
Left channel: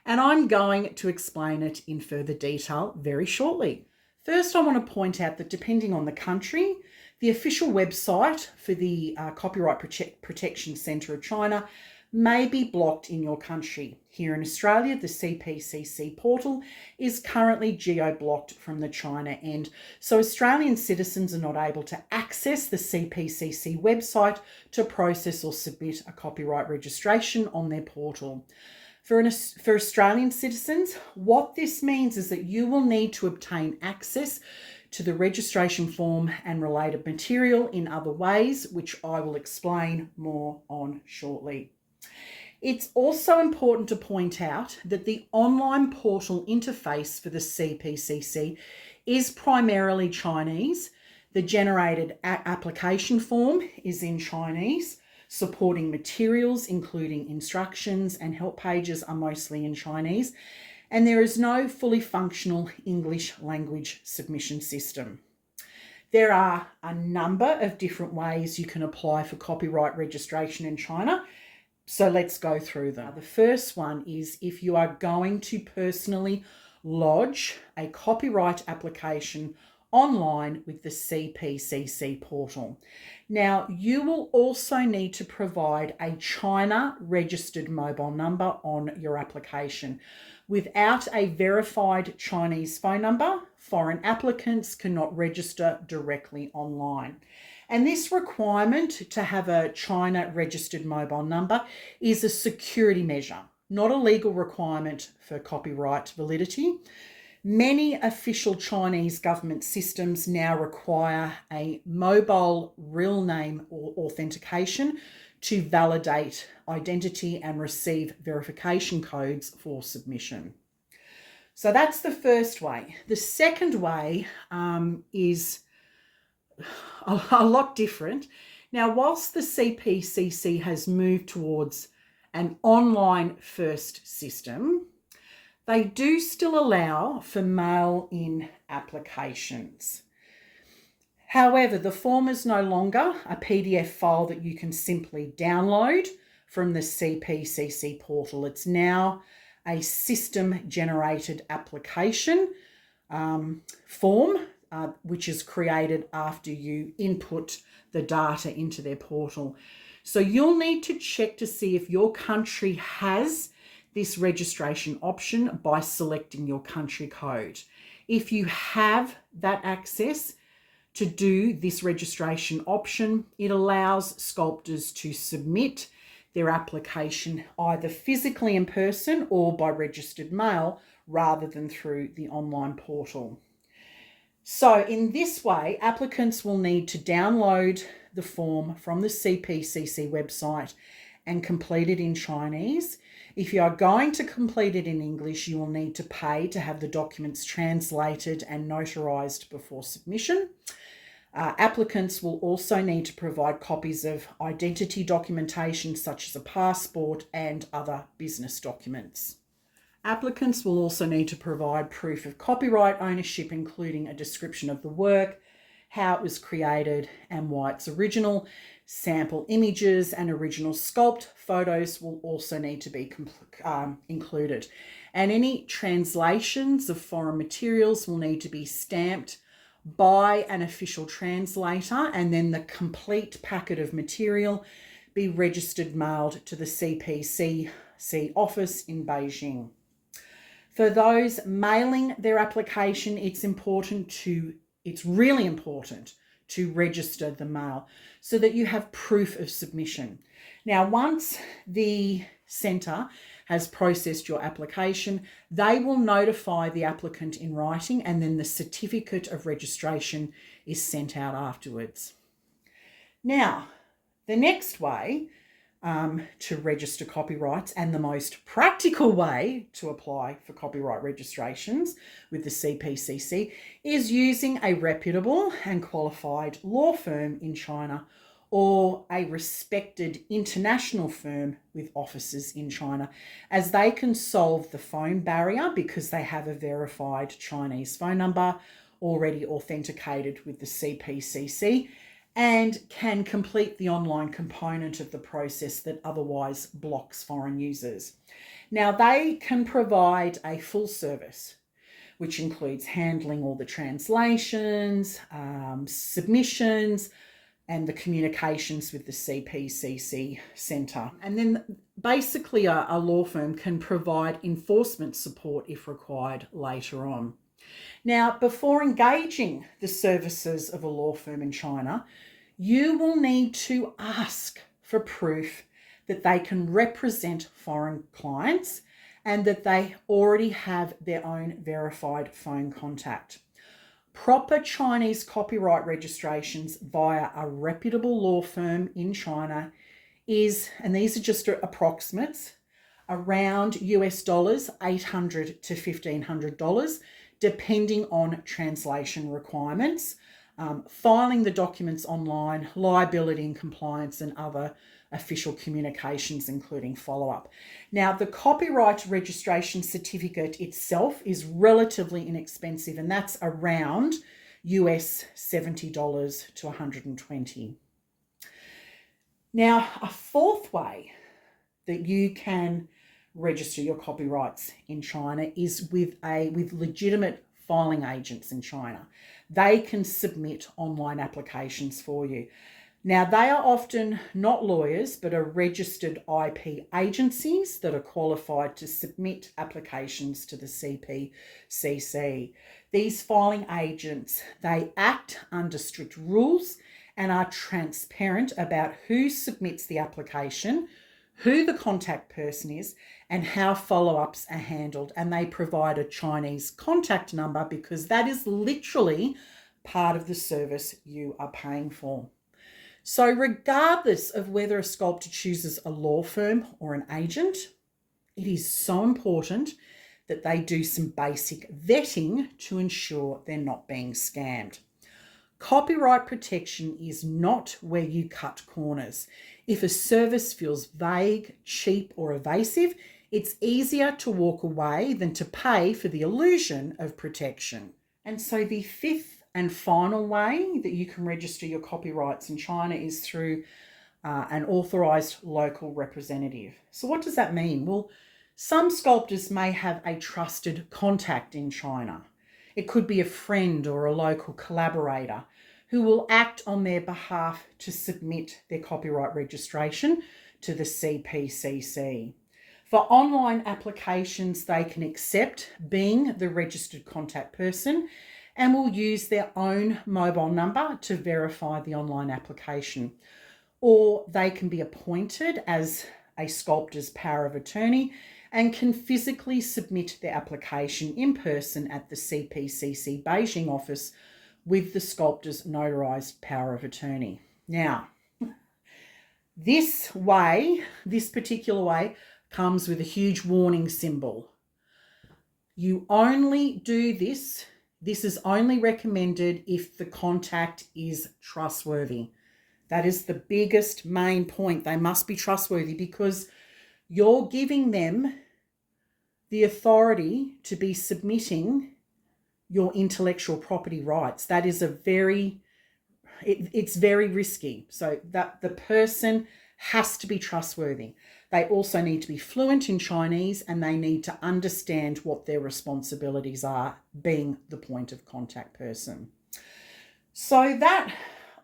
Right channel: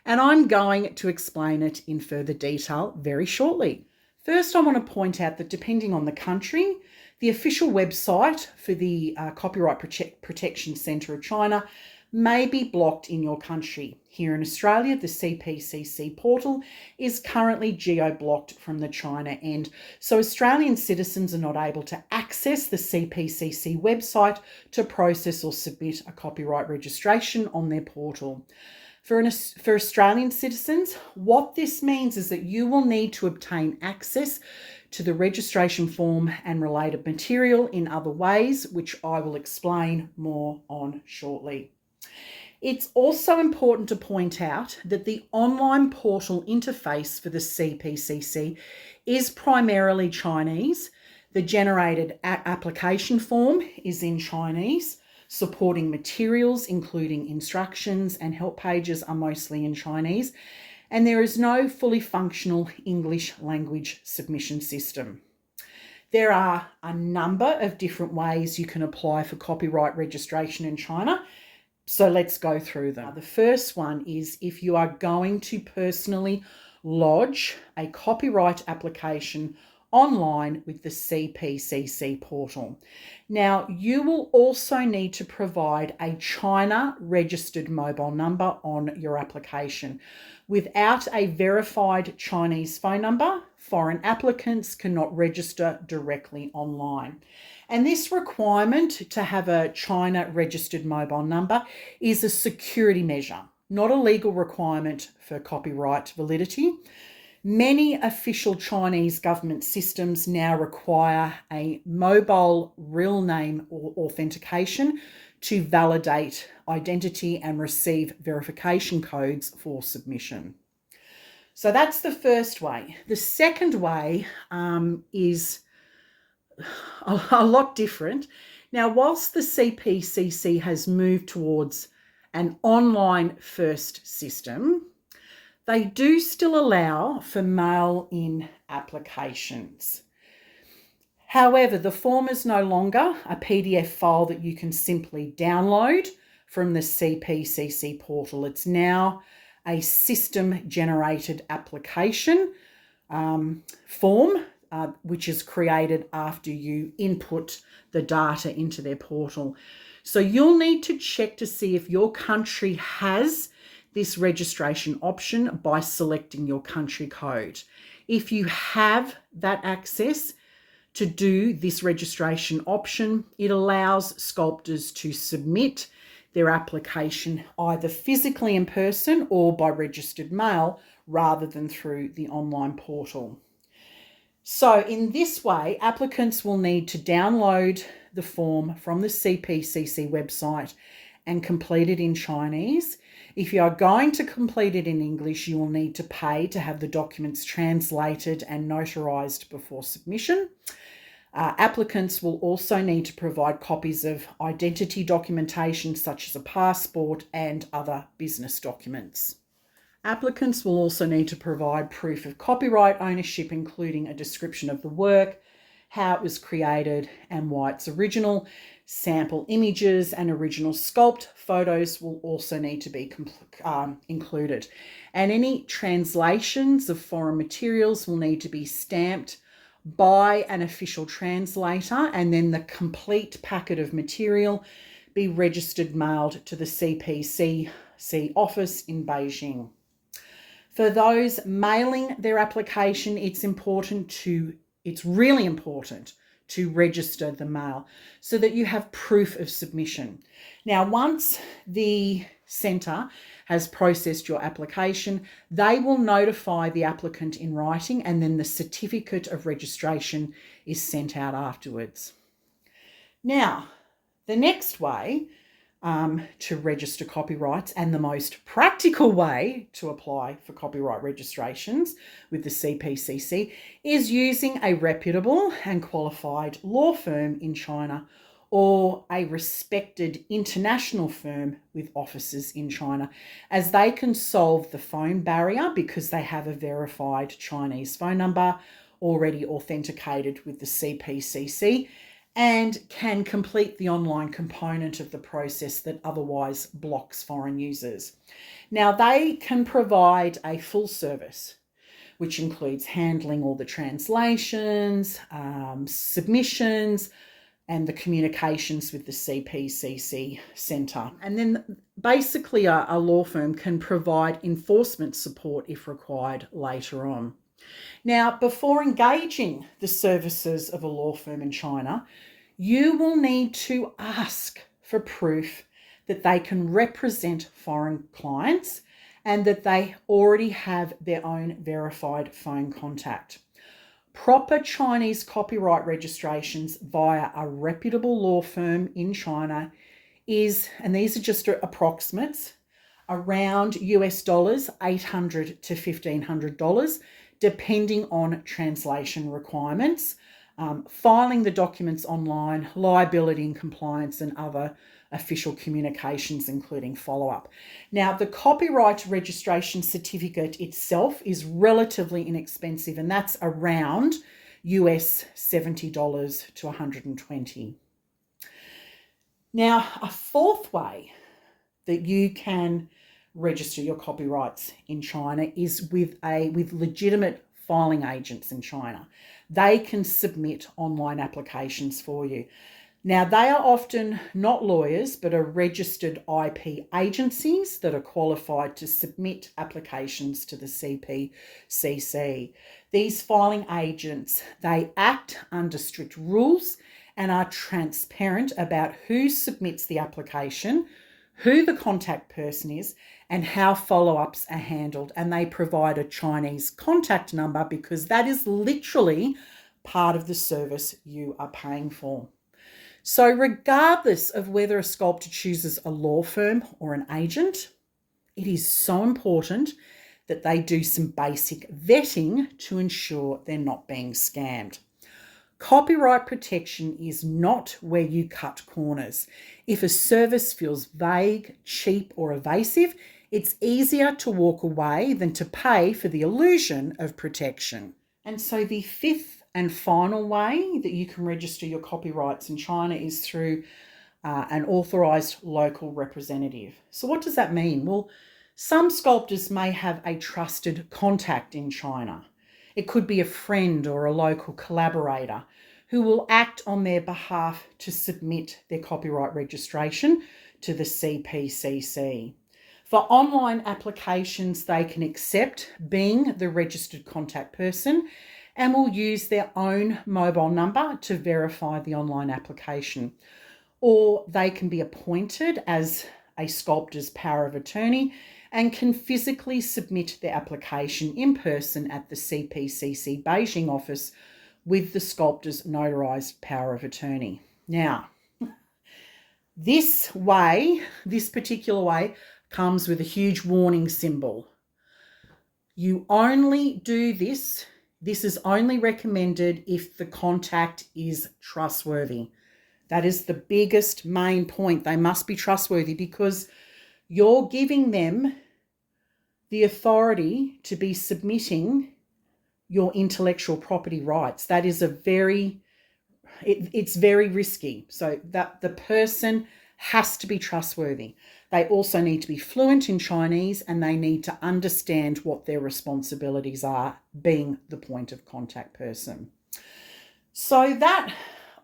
and I'm going to explain it in further detail very shortly. First, I want to point out that depending on the country, the official website for the Copyright Protection Centre of China may be blocked in your country. Here in Australia, the CPCC portal is currently geo-blocked from the China end, so Australian citizens are not able to access the CPCC website to process or submit a copyright registration on their portal. For Australian citizens, what this means is that you will need to obtain access to the registration form and related material in other ways, which I will explain more on shortly. It's also important to point out that the online portal interface for the CPCC is primarily Chinese. The generated application form is in Chinese. Supporting materials, including instructions and help pages, are mostly in Chinese, and there is no fully functional English language submission system. There are a number of different ways you can apply for copyright registration in China, so let's go through them. The first one is if you are going to personally lodge a copyright application online with the CPCC portal. Now, you will also need to provide a China registered mobile number on your application. Without a verified Chinese phone number, foreign applicants cannot register directly online. And this requirement to have a China registered mobile number is a security measure, not a legal requirement for copyright validity. Many official Chinese government systems now require a mobile real name or authentication to validate identity and receive verification codes for submission. So that's the first way. The second way is a lot different. Now, whilst the CPCC has moved towards an online first system, they do still allow for mail-in applications. However, the form is no longer a PDF file that you can simply download from the CPCC portal. It's now a system-generated application form, which is created after you input the data into their portal. So you'll need to check to see if your country has this registration option by selecting your country code. If you have that access To do this registration option, it allows sculptors to submit their application either physically in person or by registered mail rather than through the online portal. So in this way, applicants will need to download the form from the CPCC website and complete it in Chinese. If you are going to complete it in English, you will need to pay to have the documents translated and notarized before submission. Applicants will also need to provide copies of identity documentation such as a passport and other business documents. Applicants will also need to provide proof of copyright ownership, including a description of the work, how it was created and why it's original. Sample images and original sculpt photos will also need to be included. And any translations of foreign materials will need to be stamped by an official translator, and then the complete packet of material be registered mailed to the CPCC office in Beijing. For those mailing their application, it's really important to register the mail so that you have proof of submission. Now, once the centre has processed your application, they will notify the applicant in writing, and then the certificate of registration is sent out afterwards. Now, the next way to register copyrights, and the most practical way to apply for copyright registrations with the CPCC, is using a reputable and qualified law firm in China or a respected international firm with offices in China, as they can solve the phone barrier because they have a verified Chinese phone number already authenticated with the CPCC and can complete the online component of the process that otherwise blocks foreign users. Now, they can provide a full service, which includes handling all the translations, submissions, and the communications with the CPCC Centre. And then basically a law firm can provide enforcement support if required later on. Now, before engaging the services of a law firm in China, you will need to ask for proof that they can represent foreign clients and that they already have their own verified phone contact. Proper Chinese copyright registrations via a reputable law firm in China is, and these are just approximates, around US dollars $800 to $1,500, depending on translation requirements, filing the documents online, liability and compliance, and other official communications, including follow-up. Now, the copyright registration certificate itself is relatively inexpensive, and that's around US $70 to $120. Now, a fourth way that you can register your copyrights in China is with legitimate filing agents in China. They can submit online applications for you. Now, they are often not lawyers, but are registered IP agencies that are qualified to submit applications to the CPCC. These filing agents, they act under strict rules and are transparent about who submits the application, who the contact person is, and how follow-ups are handled. And they provide a Chinese contact number because that is literally part of the service you are paying for. So regardless of whether a sculptor chooses a law firm or an agent, it is so important that they do some basic vetting to ensure they're not being scammed. Copyright protection is not where you cut corners. If a service feels vague, cheap, or evasive, it's easier to walk away than to pay for the illusion of protection. And so the fifth and final way that you can register your copyrights in China is through an authorised local representative. So what does that mean? Well, some sculptors may have a trusted contact in China. It could be a friend or a local collaborator who will act on their behalf to submit their copyright registration to the CPCC. For online applications, they can accept being the registered contact person, and will use their own mobile number to verify the online application. Or they can be appointed as a sculptor's power of attorney and can physically submit their application in person at the CPCC Beijing office with the sculptor's notarized power of attorney. Now, this particular way, comes with a huge warning symbol. You only do this. This is only recommended if the contact is trustworthy. That is the biggest main point. They must be trustworthy because you're giving them the authority to be submitting your intellectual property rights. That is it's very risky. So that the person has to be trustworthy. They also need to be fluent in Chinese and they need to understand what their responsibilities are, being the point of contact person. So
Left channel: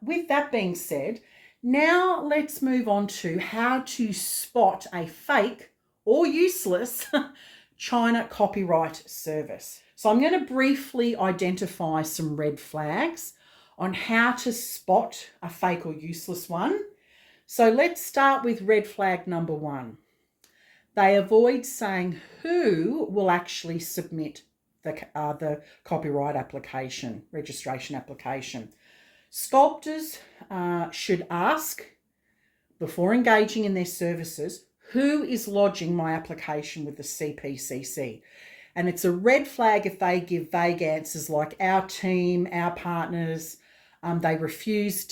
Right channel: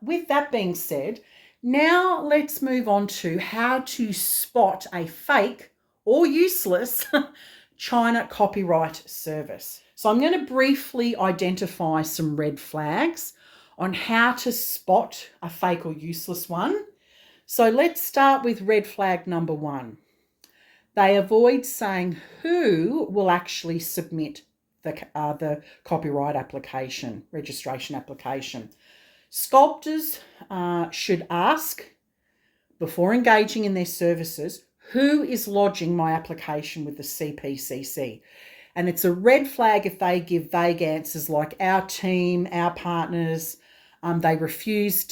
with that being said, now let's move on to how to spot a fake or useless China copyright service. So I'm going to briefly identify some red flags on how to spot a fake or useless one. So let's start with red flag number 1. They avoid saying who will actually submit the copyright application, registration application. Sculptors should ask, before engaging in their services, who is lodging my application with the CPCC. And it's a red flag if they give vague answers like our team, our partners. They refuse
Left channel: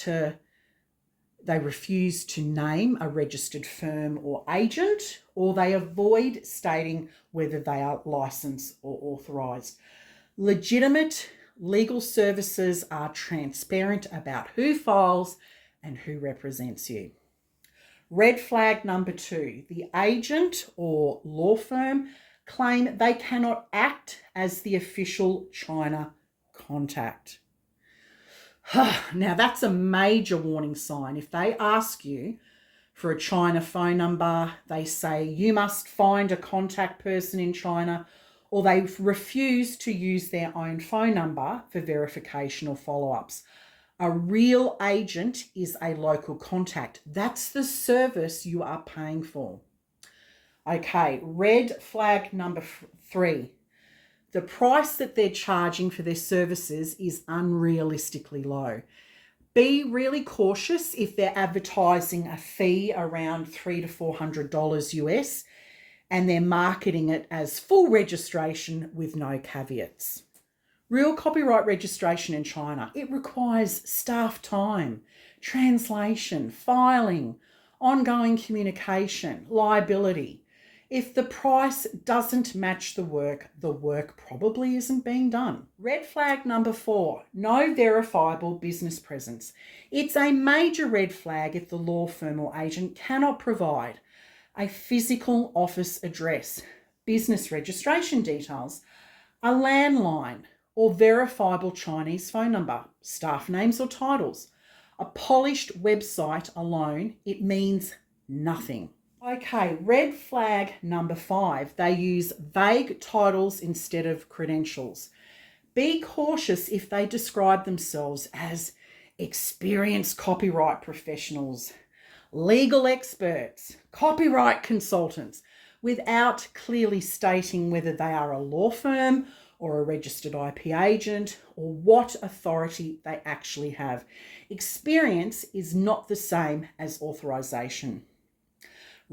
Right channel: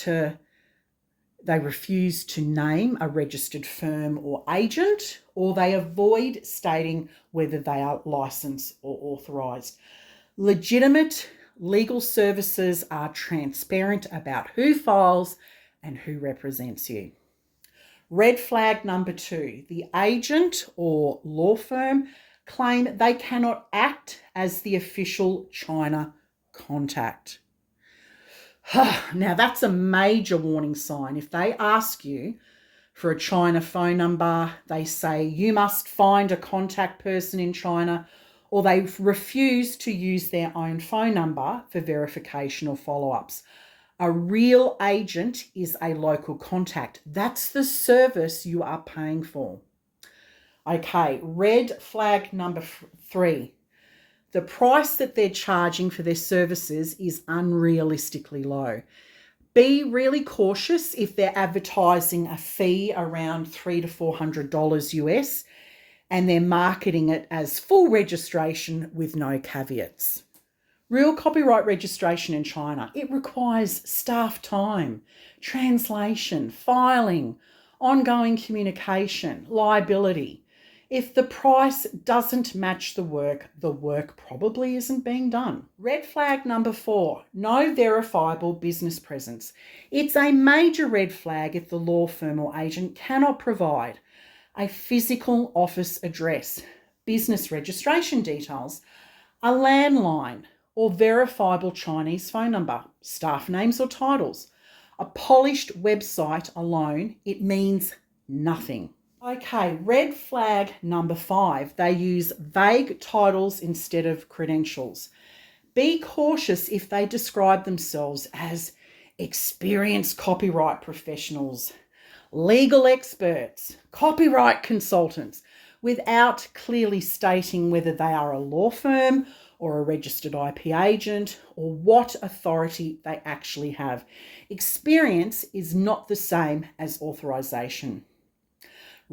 to name a registered firm or agent, or they avoid stating whether they are licensed or authorised. Legitimate legal services are transparent about who files and who represents you. Red flag number 2, the agent or law firm claim they cannot act as the official China contact. Now that's a major warning sign. If they ask you for a China phone number, they say you must find a contact person in China, or they refuse to use their own phone number for verification or follow-ups. A real agent is a local contact. That's the service you are paying for. Okay, red flag number 3. The price that they're charging for their services is unrealistically low. Be really cautious if they're advertising a fee around $300 to $400 US and they're marketing it as full registration with no caveats. Real copyright registration in China, it requires staff time, translation, filing, ongoing communication, liability. If the price doesn't match the work probably isn't being done. Red flag number 4, no verifiable business presence. It's a major red flag if the law firm or agent cannot provide a physical office address, business registration details, a landline, or verifiable Chinese phone number, staff names or titles. A polished website alone, it means nothing. Okay, red flag number 5, they use vague titles instead of credentials. Be cautious if they describe themselves as experienced copyright professionals, legal experts, copyright consultants, without clearly stating whether they are a law firm or a registered IP agent or what authority they actually have. Experience is not the same as authorization.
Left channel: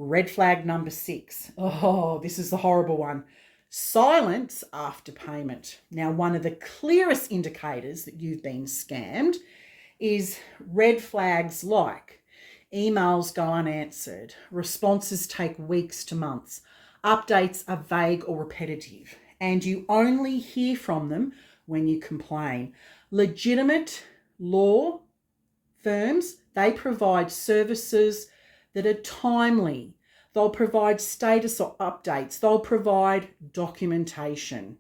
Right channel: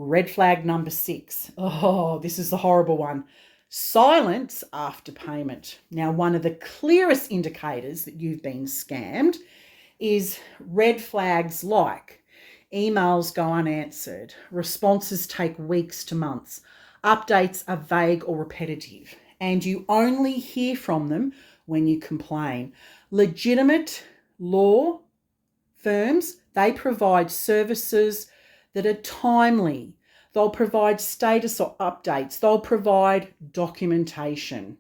Red flag number 6. Oh, this is the horrible one. Silence after payment. Now, one of the clearest indicators that you've been scammed is red flags like emails go unanswered, responses take weeks to months, updates are vague or repetitive, and you only hear from them when you complain. Legitimate law firms, they provide services that are timely. They'll provide status or updates. They'll provide documentation.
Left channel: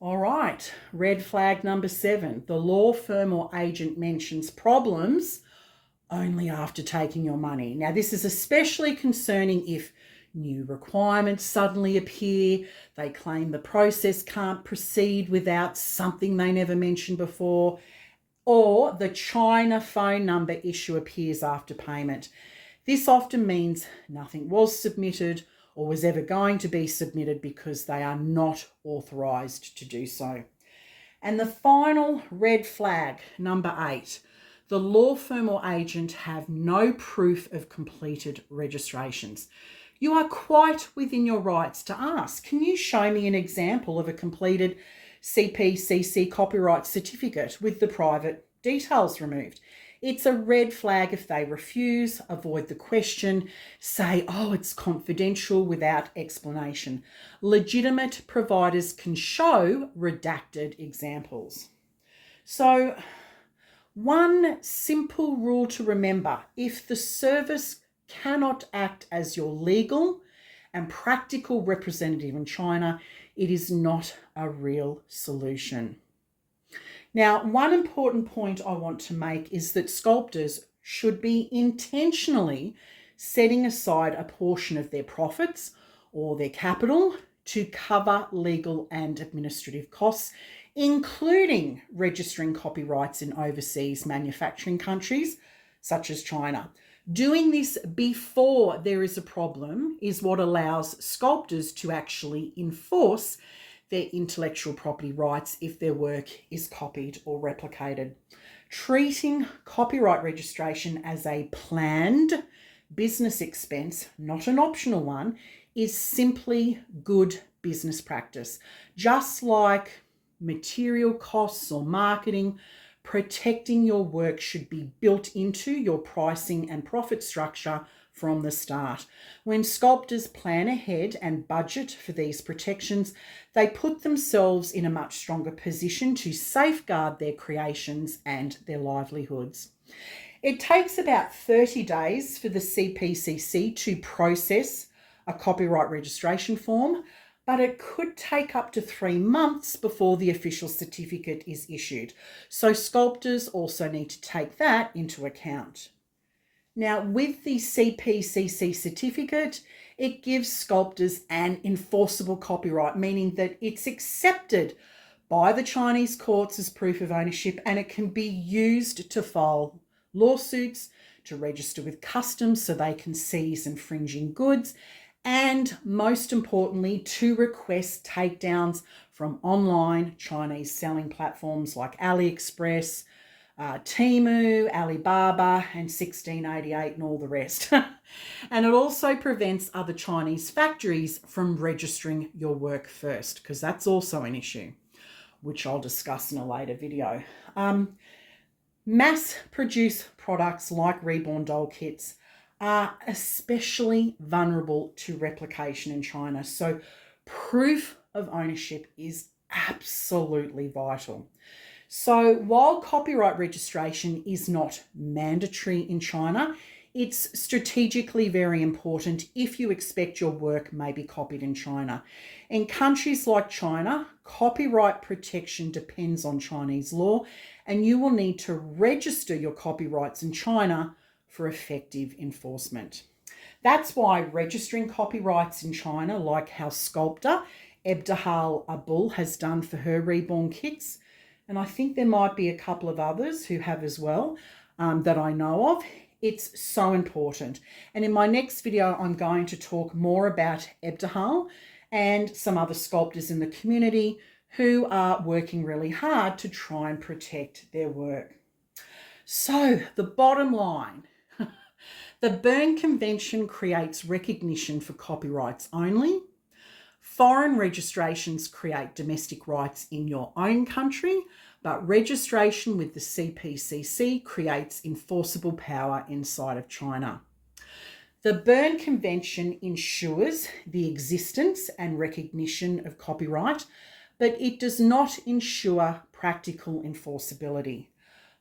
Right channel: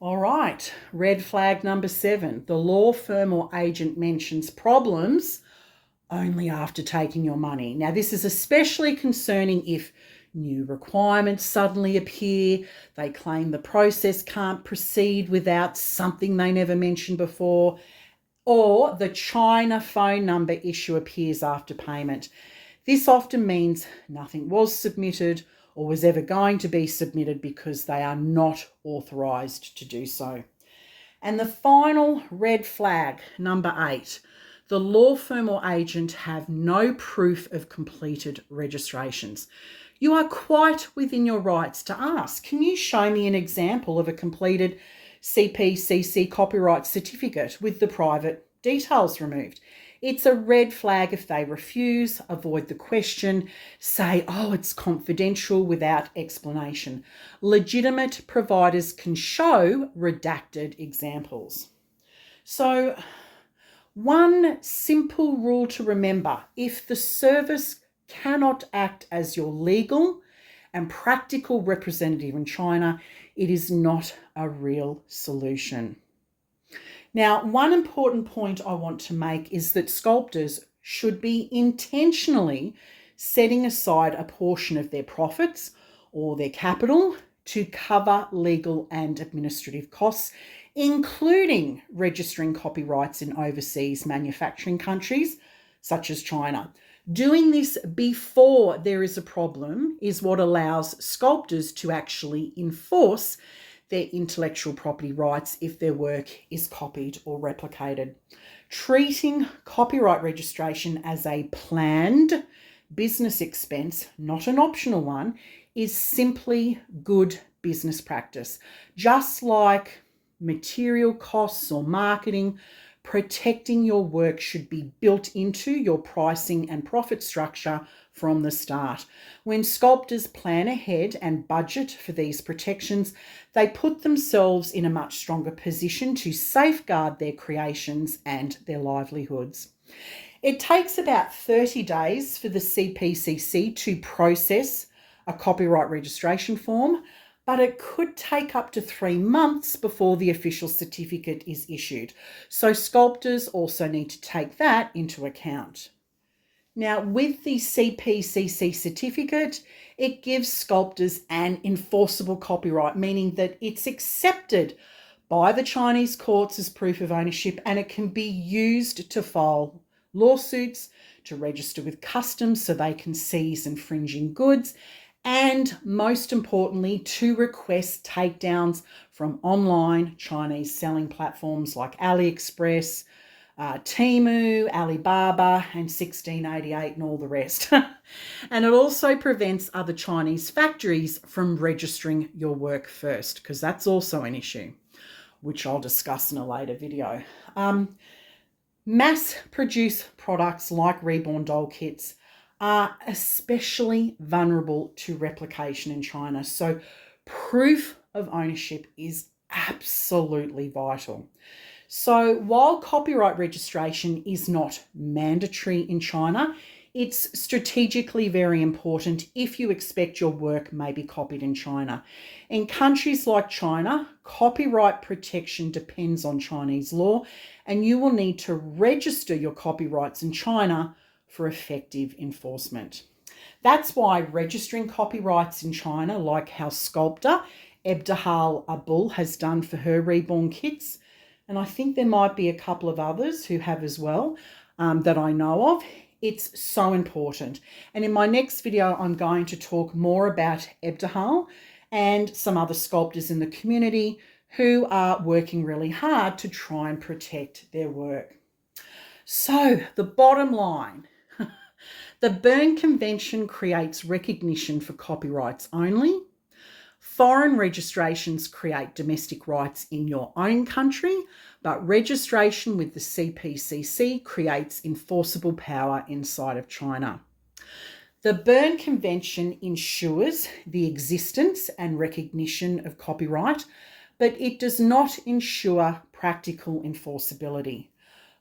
All right, red flag number 7. The law firm or agent mentions problems only after taking your money. Now, this is especially concerning if New requirements suddenly appear. They claim the process can't proceed without something they never mentioned before. Or the China phone number issue appears after payment. This often means nothing was submitted or was ever going to be submitted because they are not authorised to do so. And the final red flag, number 8, the law firm or agent have no proof of completed registrations. You are quite within your rights to ask, can you show me an example of a completed CPCC copyright certificate with the private details removed? It's a red flag if they refuse, avoid the question, say, oh, it's confidential without explanation. Legitimate providers can show redacted examples. So, one simple rule to remember, if the service cannot act as your legal and practical representative in China, it is not a real solution. Now, one important point I want to make is that sculptors should be intentionally setting aside a portion of their profits or their capital to cover legal and administrative costs, including registering copyrights in overseas manufacturing countries such as China. Doing this before there is a problem is what allows sculptors to actually enforce their intellectual property rights if their work is copied or replicated. Treating copyright registration as a planned business expense, not an optional one, is simply good business practice. Just like material costs or marketing, protecting your work should be built into your pricing and profit structure from the start. When sculptors plan ahead and budget for these protections, they put themselves in a much stronger position to safeguard their creations and their livelihoods. It takes about 30 days for the CPCC to process a copyright registration form, but it could take up to 3 months before the official certificate is issued. So sculptors also need to take that into account. Now, with the CPCC certificate, it gives sculptors an enforceable copyright, meaning that it's accepted by the Chinese courts as proof of ownership, and it can be used to file lawsuits, to register with customs so they can seize infringing goods, and most importantly, to request takedowns from online Chinese selling platforms like AliExpress, Temu, Alibaba, and 1688 and all the rest. And it also prevents other Chinese factories from registering your work first, because that's also an issue, which I'll discuss in a later video. Mass-produced products like Reborn Doll kits are especially vulnerable to replication in China. So proof of ownership is absolutely vital. So while copyright registration is not mandatory in China, it's strategically very important if you expect your work may be copied in China. In countries like China, copyright protection depends on Chinese law, and you will need to register your copyrights in China for effective enforcement. That's why registering copyrights in China, like how sculptor Ebdahal Abul has done for her Reborn kits, and I think there might be a couple of others who have as well that I know of, it's so important. And in my next video, I'm going to talk more about Ebdahal and some other sculptors in the community who are working really hard to try and protect their work. So the bottom line, the Berne Convention creates recognition for copyrights only. Foreign registrations create domestic rights in your own country, but registration with the CPCC creates enforceable power inside of China. The Berne Convention ensures the existence and recognition of copyright, but it does not ensure practical enforceability.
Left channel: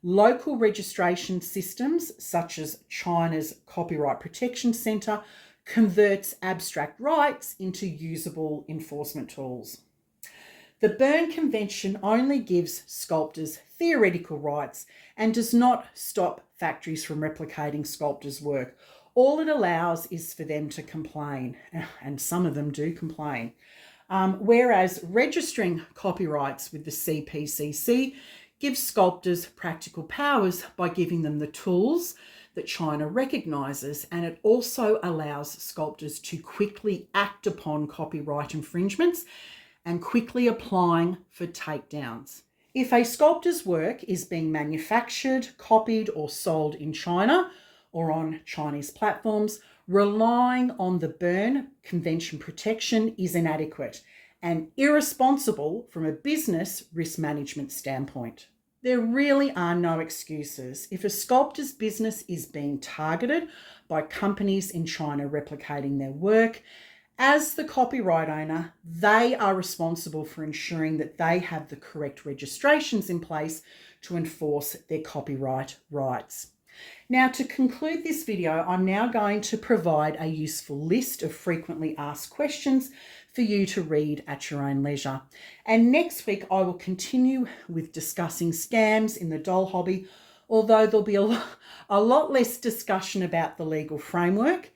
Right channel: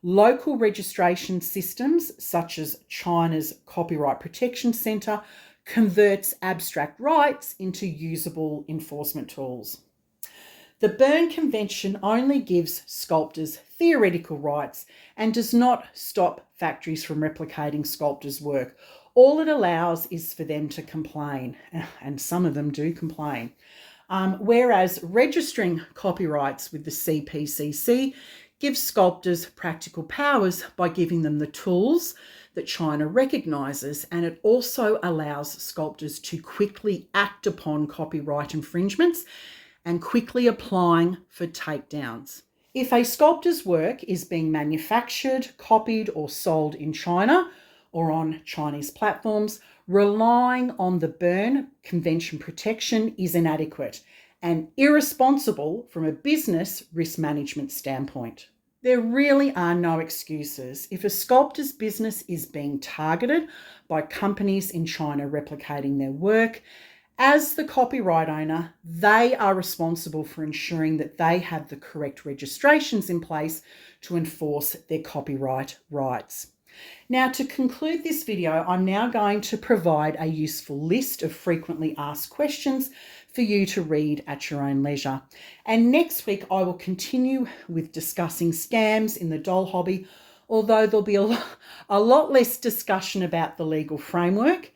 Local registration systems, such as China's Copyright Protection Centre, converts abstract rights into usable enforcement tools. The Berne Convention only gives sculptors theoretical rights and does not stop factories from replicating sculptors' work. all it allows is for them to complain, and some of them do complain. Whereas registering copyrights with the CPCC gives sculptors practical powers by giving them the tools that China recognises, and it also allows sculptors to quickly act upon copyright infringements and quickly applying for takedowns. If a sculptor's work is being manufactured, copied or sold in China or on Chinese platforms, relying on the Berne Convention protection is inadequate and irresponsible from a business risk management standpoint. There really are no excuses. If a sculptor's business is being targeted by companies in China replicating their work, as the copyright owner, they are responsible for ensuring that they have the correct registrations in place to enforce their copyright rights. Now, to conclude this video, I'm now going to provide a useful list of frequently asked questions for you to read at your own leisure. And next week, I will continue with discussing scams in the doll hobby, although there'll be a lot less discussion about the legal framework.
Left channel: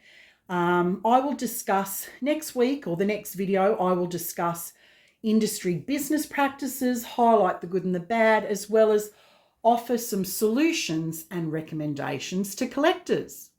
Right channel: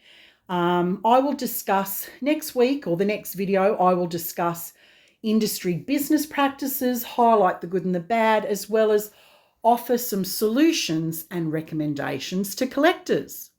I will discuss next week, or the next video, I will discuss industry business practices, highlight the good and the bad, as well as offer some solutions and recommendations to collectors.